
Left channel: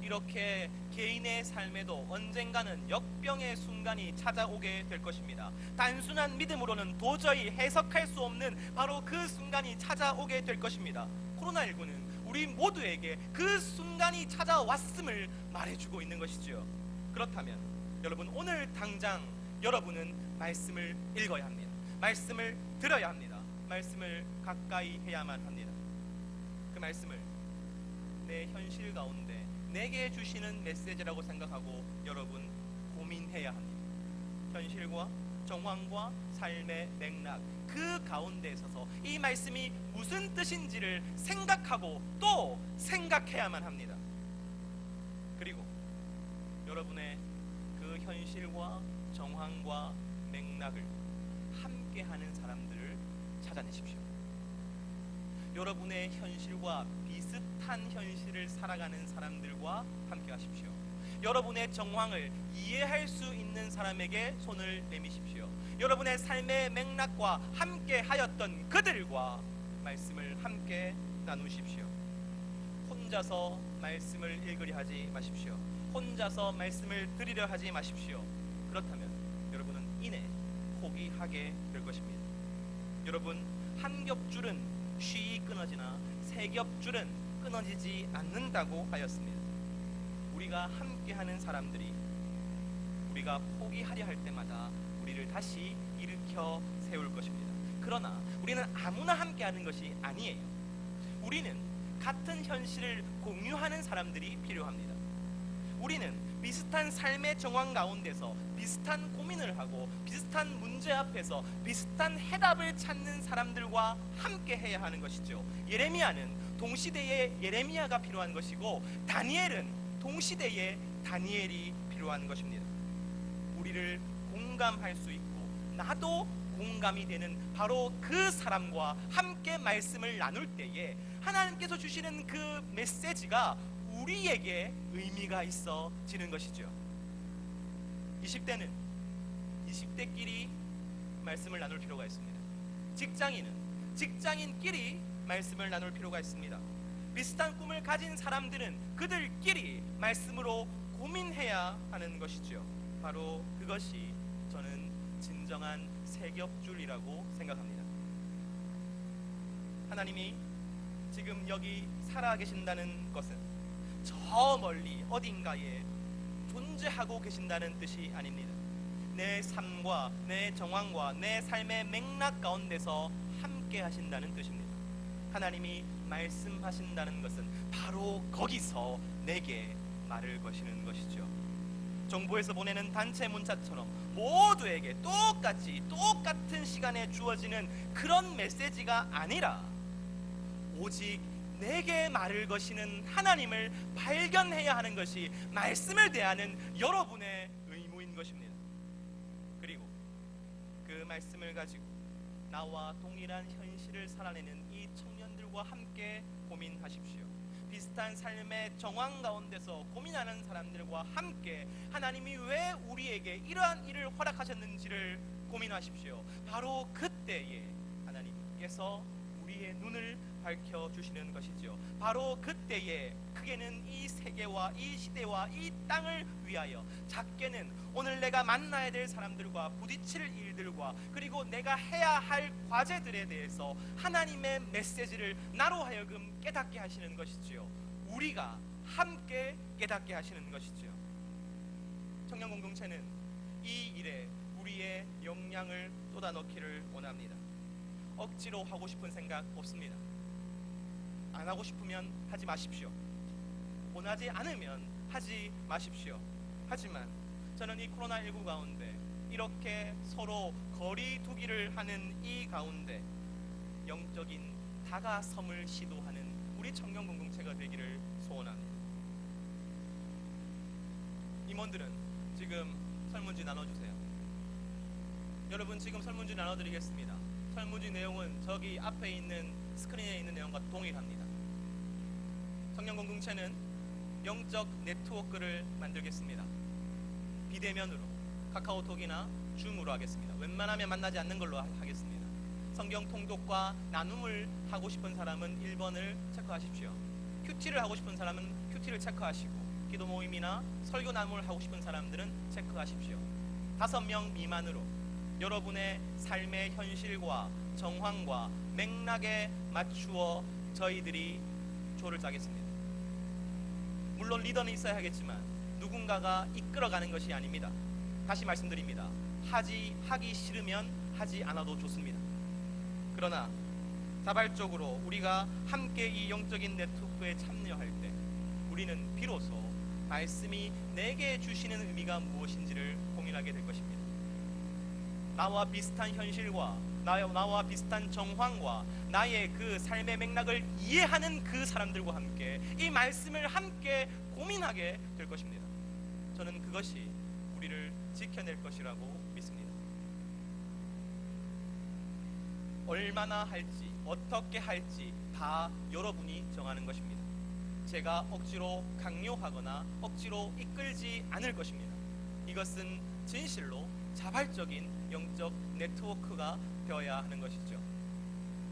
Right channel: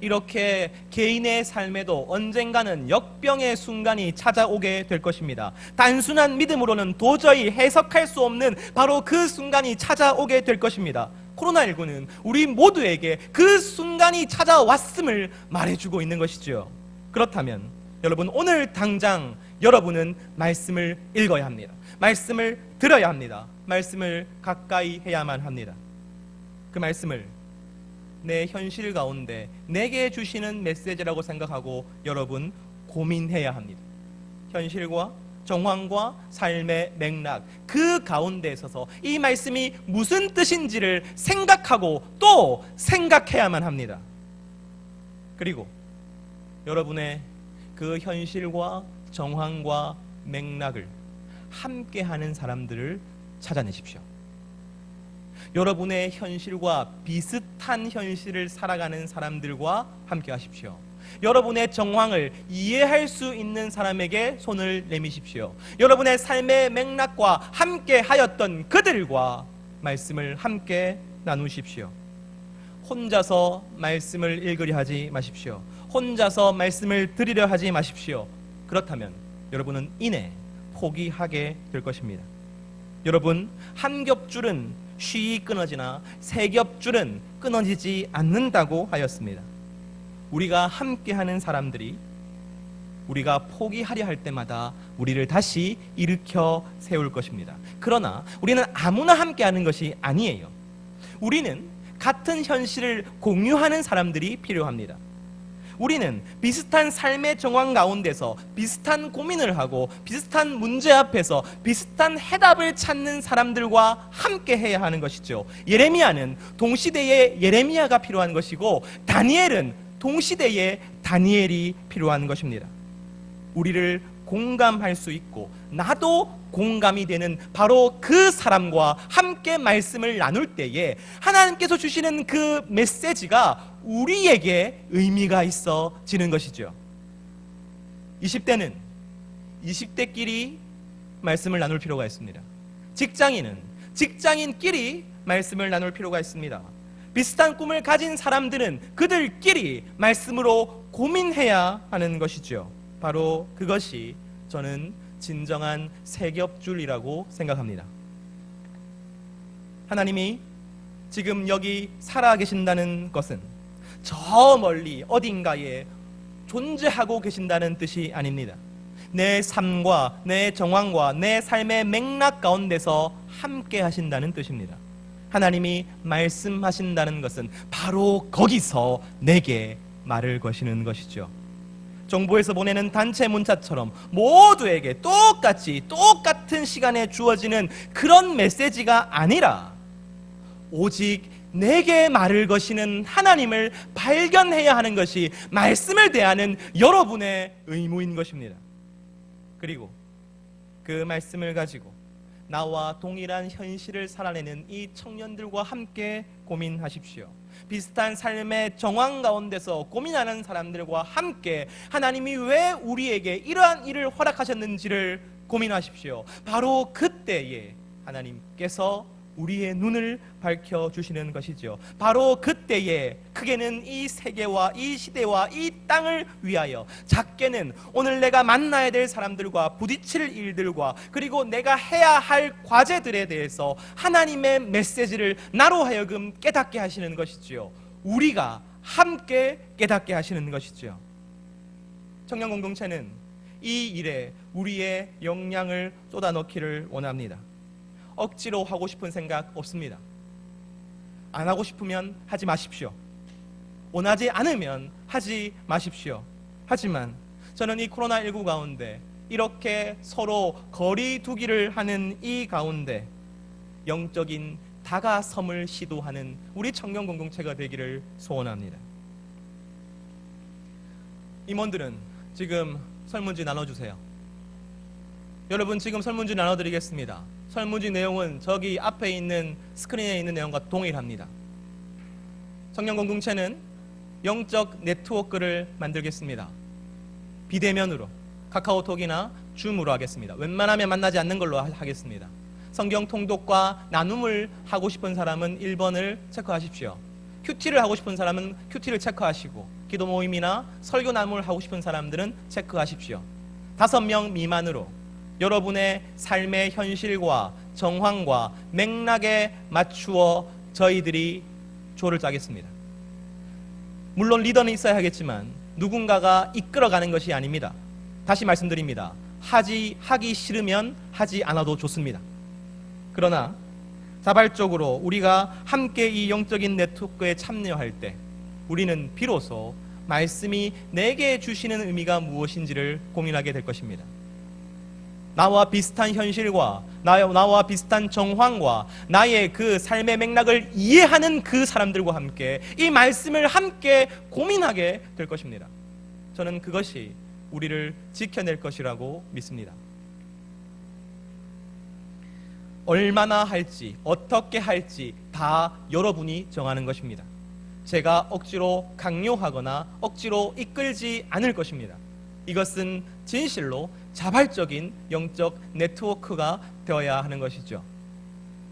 이렇게 개인의 삶에도 언젠가는 역병의 순간이 찾아오게 될 것입니다. 단순한 믿음으로는 도저히 해석할 수 없는 바로 그 순간이 찾아오게 될 것입니다. 코로나19는 우리 모두에게 그 순간이 찾아왔음을 말해주고 있는 것이죠. 그렇다면 여러분, 오늘 당장 여러분은 말씀을 읽어야 합니다. 말씀을 들어야 합니다. 말씀을 가까이 해야만 합니다. 그 말씀을 내 현실 가운데 내게 주시는 메시지라고 생각하고 여러분 고민해야 합니다. 현실과 정황과 삶의 맥락, 그 가운데 있어서 이 말씀이 무슨 뜻인지를 생각하고 또 생각해야만 합니다. 그리고 여러분의 그 현실과 정황과 맥락을 함께하는 사람들을 찾아내십시오. 여러분의 현실과 비슷한 현실을 살아가는 사람들과 함께 하십시오. 여러분의 정황을 이해할 수 있는 사람에게 손을 내미십시오. 여러분의 삶의 맥락과 함께 하였던 그들과 말씀을 함께 나누십시오. 혼자서 말씀을 읽으려 하지 마십시오. 혼자서 말씀을 들으려 하지 마십시오. 그렇다면 여러분은 이내 포기하게 될 것입니다. 여러분, 한 겹줄은 쉬이 끊어지나 세 겹줄은 끊어지지 않는다고 하였습니다. 우리가 함께하는 사람들이 우리가 포기하려 할 때마다 우리를 다시 일으켜 세울 것입니다. 그러나 우리는 아무나 함께하는 것이 아니에요. 우리는 같은 현실을 공유하는 사람들이 필요합니다. 우리는 비슷한 삶의 정황 가운데서 비슷한 고민을 하고 비슷한 문제 앞에서 비슷한 해답을 찾는 사람들과 함께 해야 하는 것이죠. 예레미야는 동시대의 예레미야가 필요한 것이고 다니엘은 동시대의 다니엘이 필요한 것입니다. 우리를 공감할 수 있고 나도 공감이 되는 바로 그 사람과 함께 말씀을 나눌 때에 하나님께서 주시는 그 메시지가 우리에게 의미가 있어지는 것이죠. 20대는 20대끼리 말씀을 나눌 필요가 있습니다. 직장인은 직장인끼리 말씀을 나눌 필요가 있습니다. 비슷한 꿈을 가진 사람들은 그들끼리 말씀으로 고민해야 하는 것이죠. 바로 그것이 저는 진정한 세겹줄이라고 생각합니다. 하나님이 지금 여기 살아계신다는 것은 저 멀리 어딘가에 존재하고 계신다는 뜻이 아닙니다. 내 삶과 내 정황과 내 삶의 맥락 가운데서 함께 하신다는 뜻입니다. 하나님이 말씀하신다는 것은 바로 거기서 내게 말을 거시는 것이죠. 정부에서 보내는 단체 문자처럼 모두에게 똑같은 시간에 주어지는 그런 메시지가 아니라 오직 내게 말을 거시는 하나님을 발견해야 하는 것이 말씀을 대하는 여러분의 의무인 것입니다. 그리고 그 말씀을 가지고 나와 동일한 현실을 살아내는 이 청년들과 함께 고민하십시오. 비슷한 삶의 정황 가운데서 고민하는 사람들과 함께 하나님이 왜 우리에게 이러한 일을 허락하셨는지를 고민하십시오. 바로 그때에 하나님께서 우리의 눈을 밝혀주시는 것이죠. 바로 그때에 크게는 이 세계와 이 시대와 이 땅을 위하여, 작게는 오늘 내가 만나야 될 사람들과 부딪힐 일들과 그리고 내가 해야 할 과제들에 대해서 하나님의 메시지를 나로 하여금 깨닫게 하시는 것이지요. 우리가 함께 깨닫게 하시는 것이지요. 청년 공동체는 이 일에 우리의 역량을 쏟아넣기를 원합니다. 억지로 하고 싶은 생각 없습니다. 안 하고 싶으면 하지 마십시오. 원하지 않으면 하지 마십시오. 하지만 저는 이 코로나19 가운데 이렇게 서로 거리 두기를 하는 이 가운데 영적인 다가섬을 시도하는 우리 청년 공동체가 되기를 소원합니다. 임원들은 지금 설문지 나눠주세요. 여러분, 지금 설문지 나눠드리겠습니다. 설문지 내용은 저기 앞에 있는 스크린에 있는 내용과 동일합니다. 청년 공동체는 영적 네트워크를 만들겠습니다. 비대면으로 카카오톡이나 줌으로 하겠습니다. 웬만하면 만나지 않는 걸로 하겠습니다. 성경 통독과 나눔을 하고 싶은 사람은 1번을 체크하십시오. 큐티를 하고 싶은 사람은 큐티를 체크하시고, 기도 모임이나 설교 나눔을 하고 싶은 사람들은 체크하십시오. 5명 미만으로 여러분의 삶의 현실과 정황과 맥락에 맞추어 저희들이 조를 짜겠습니다. 물론 리더는 있어야 하겠지만 누군가가 이끌어가는 것이 아닙니다. 다시 말씀드립니다. 하기 싫으면 하지 않아도 좋습니다. 그러나 자발적으로 우리가 함께 이 영적인 네트워크에 참여할 때 우리는 비로소 말씀이 내게 주시는 의미가 무엇인지를 고민하게 될 것입니다. 나와 비슷한 현실과 나와 비슷한 정황과 나의 그 삶의 맥락을 이해하는 그 사람들과 함께 이 말씀을 함께 고민하게 될 것입니다. 저는 그것이 우리를 지켜낼 것이라고 믿습니다. 얼마나 할지, 어떻게 할지 다 여러분이 정하는 것입니다. 제가 억지로 강요하거나 억지로 이끌지 않을 것입니다. 이것은 진실로 자발적인 영적 네트워크가 되어야 하는 것이죠.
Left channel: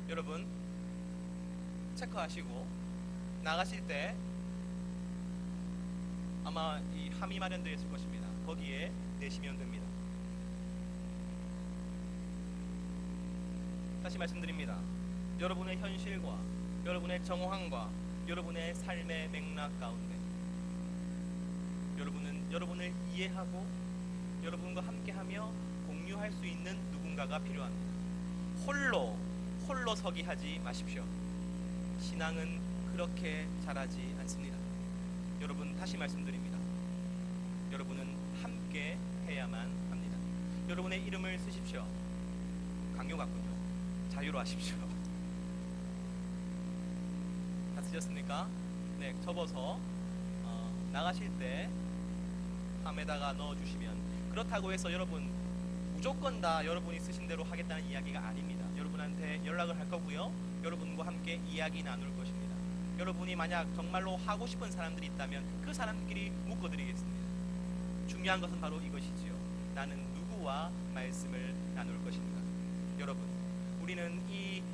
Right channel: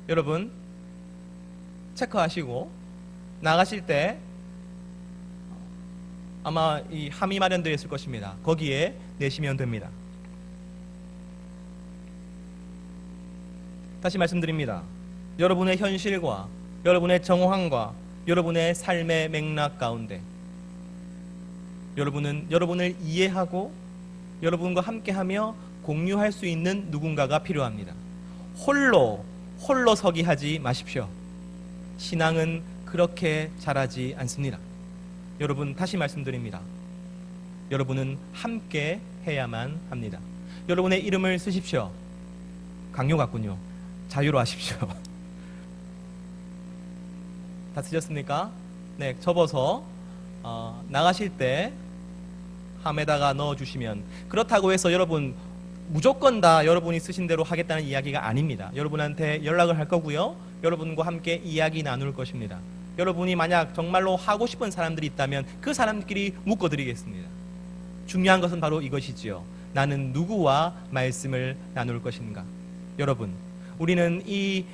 여러분, 체크하시고 나가실 때 아마 이 함이 마련되어 있을 것입니다. 거기에 내시면 됩니다. 다시 말씀드립니다. 여러분의 현실과 여러분의 정황과 여러분의 삶의 맥락 가운데 여러분은 여러분을 이해하고 여러분과 함께하며 공유할 수 있는 누군가가 필요합니다. 홀로 서기 하지 마십시오. 신앙은 그렇게 자라지 않습니다. 여러분, 다시 말씀드립니다. 여러분은 함께 해야만 합니다. 여러분의 이름을 쓰십시오. 강요 같군요. 자유로 하십시오. 다 쓰셨습니까? 네, 접어서 나가실 때 함에다가 넣어주시면, 그렇다고 해서 여러분 무조건 다 여러분이 쓰신 대로 하겠다는 이야기가 아닙니다. 여러분한테 연락을 할 거고요. 여러분과 함께 이야기 나눌 것입니다. 여러분이 만약 정말로 하고 싶은 사람들이 있다면 그 사람끼리 묶어드리겠습니다. 중요한 것은 바로 이것이지요. 나는 누구와 말씀을 나눌 것인가? 여러분, 우리는 이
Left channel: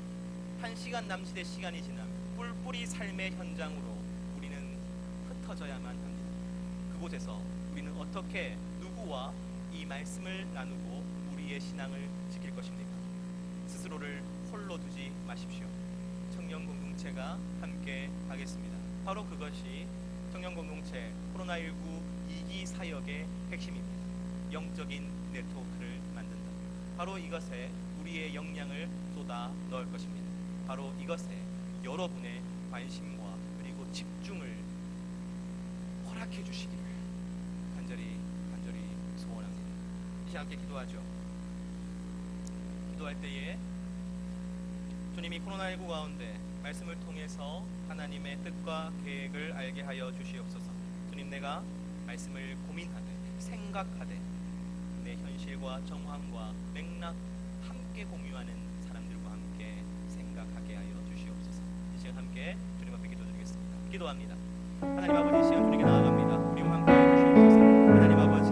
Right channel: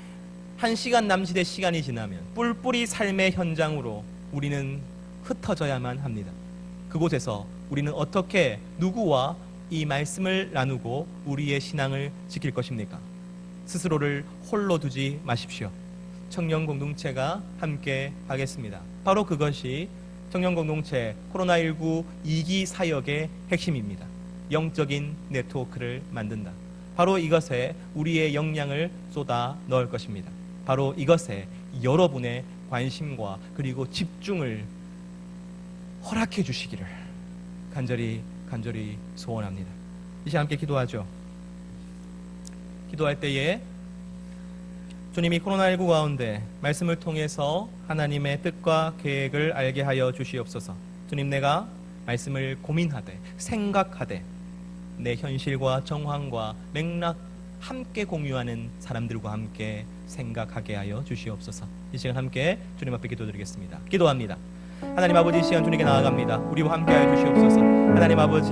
1시간 남짓의 시간이 지나면 뿔뿔이 삶의 현장으로 우리는 흩어져야만 합니다. 그곳에서 우리는 어떻게 누구와 이 말씀을 나누고 우리의 신앙을 지킬 것입니까? 스스로를 홀로 두지 마십시오. 청년 공동체가 함께 하겠습니다. 바로 그것이 청년 공동체 코로나19 2기 사역의 핵심입니다. 영적인 네트워크를 만든다. 바로 이것에 우리의 역량을 쏟아 넣을 것입니다. 바로 이것에 여러분의 관심과 그리고 집중을 허락해 주시기를 간절히 소원합니다. 이제 함께 기도하죠. 기도할 때에 주님이 코로나19 가운데 말씀을 통해서 하나님의 뜻과 계획을 알게 하여 주시옵소서. 주님, 내가 말씀을 고민하되 생각하되 내 현실과 정황과 맥락 함께 공유하는 사람들과 함께 생각하게 하여 주시옵소서. 이 시간 함께 주님 앞에 기도드리겠습니다. 기도합니다. 하나님 아버지, 이 시간 주님께 나아갑니다. 우리와 함께 하여 주시옵소서. 하나님 아버지,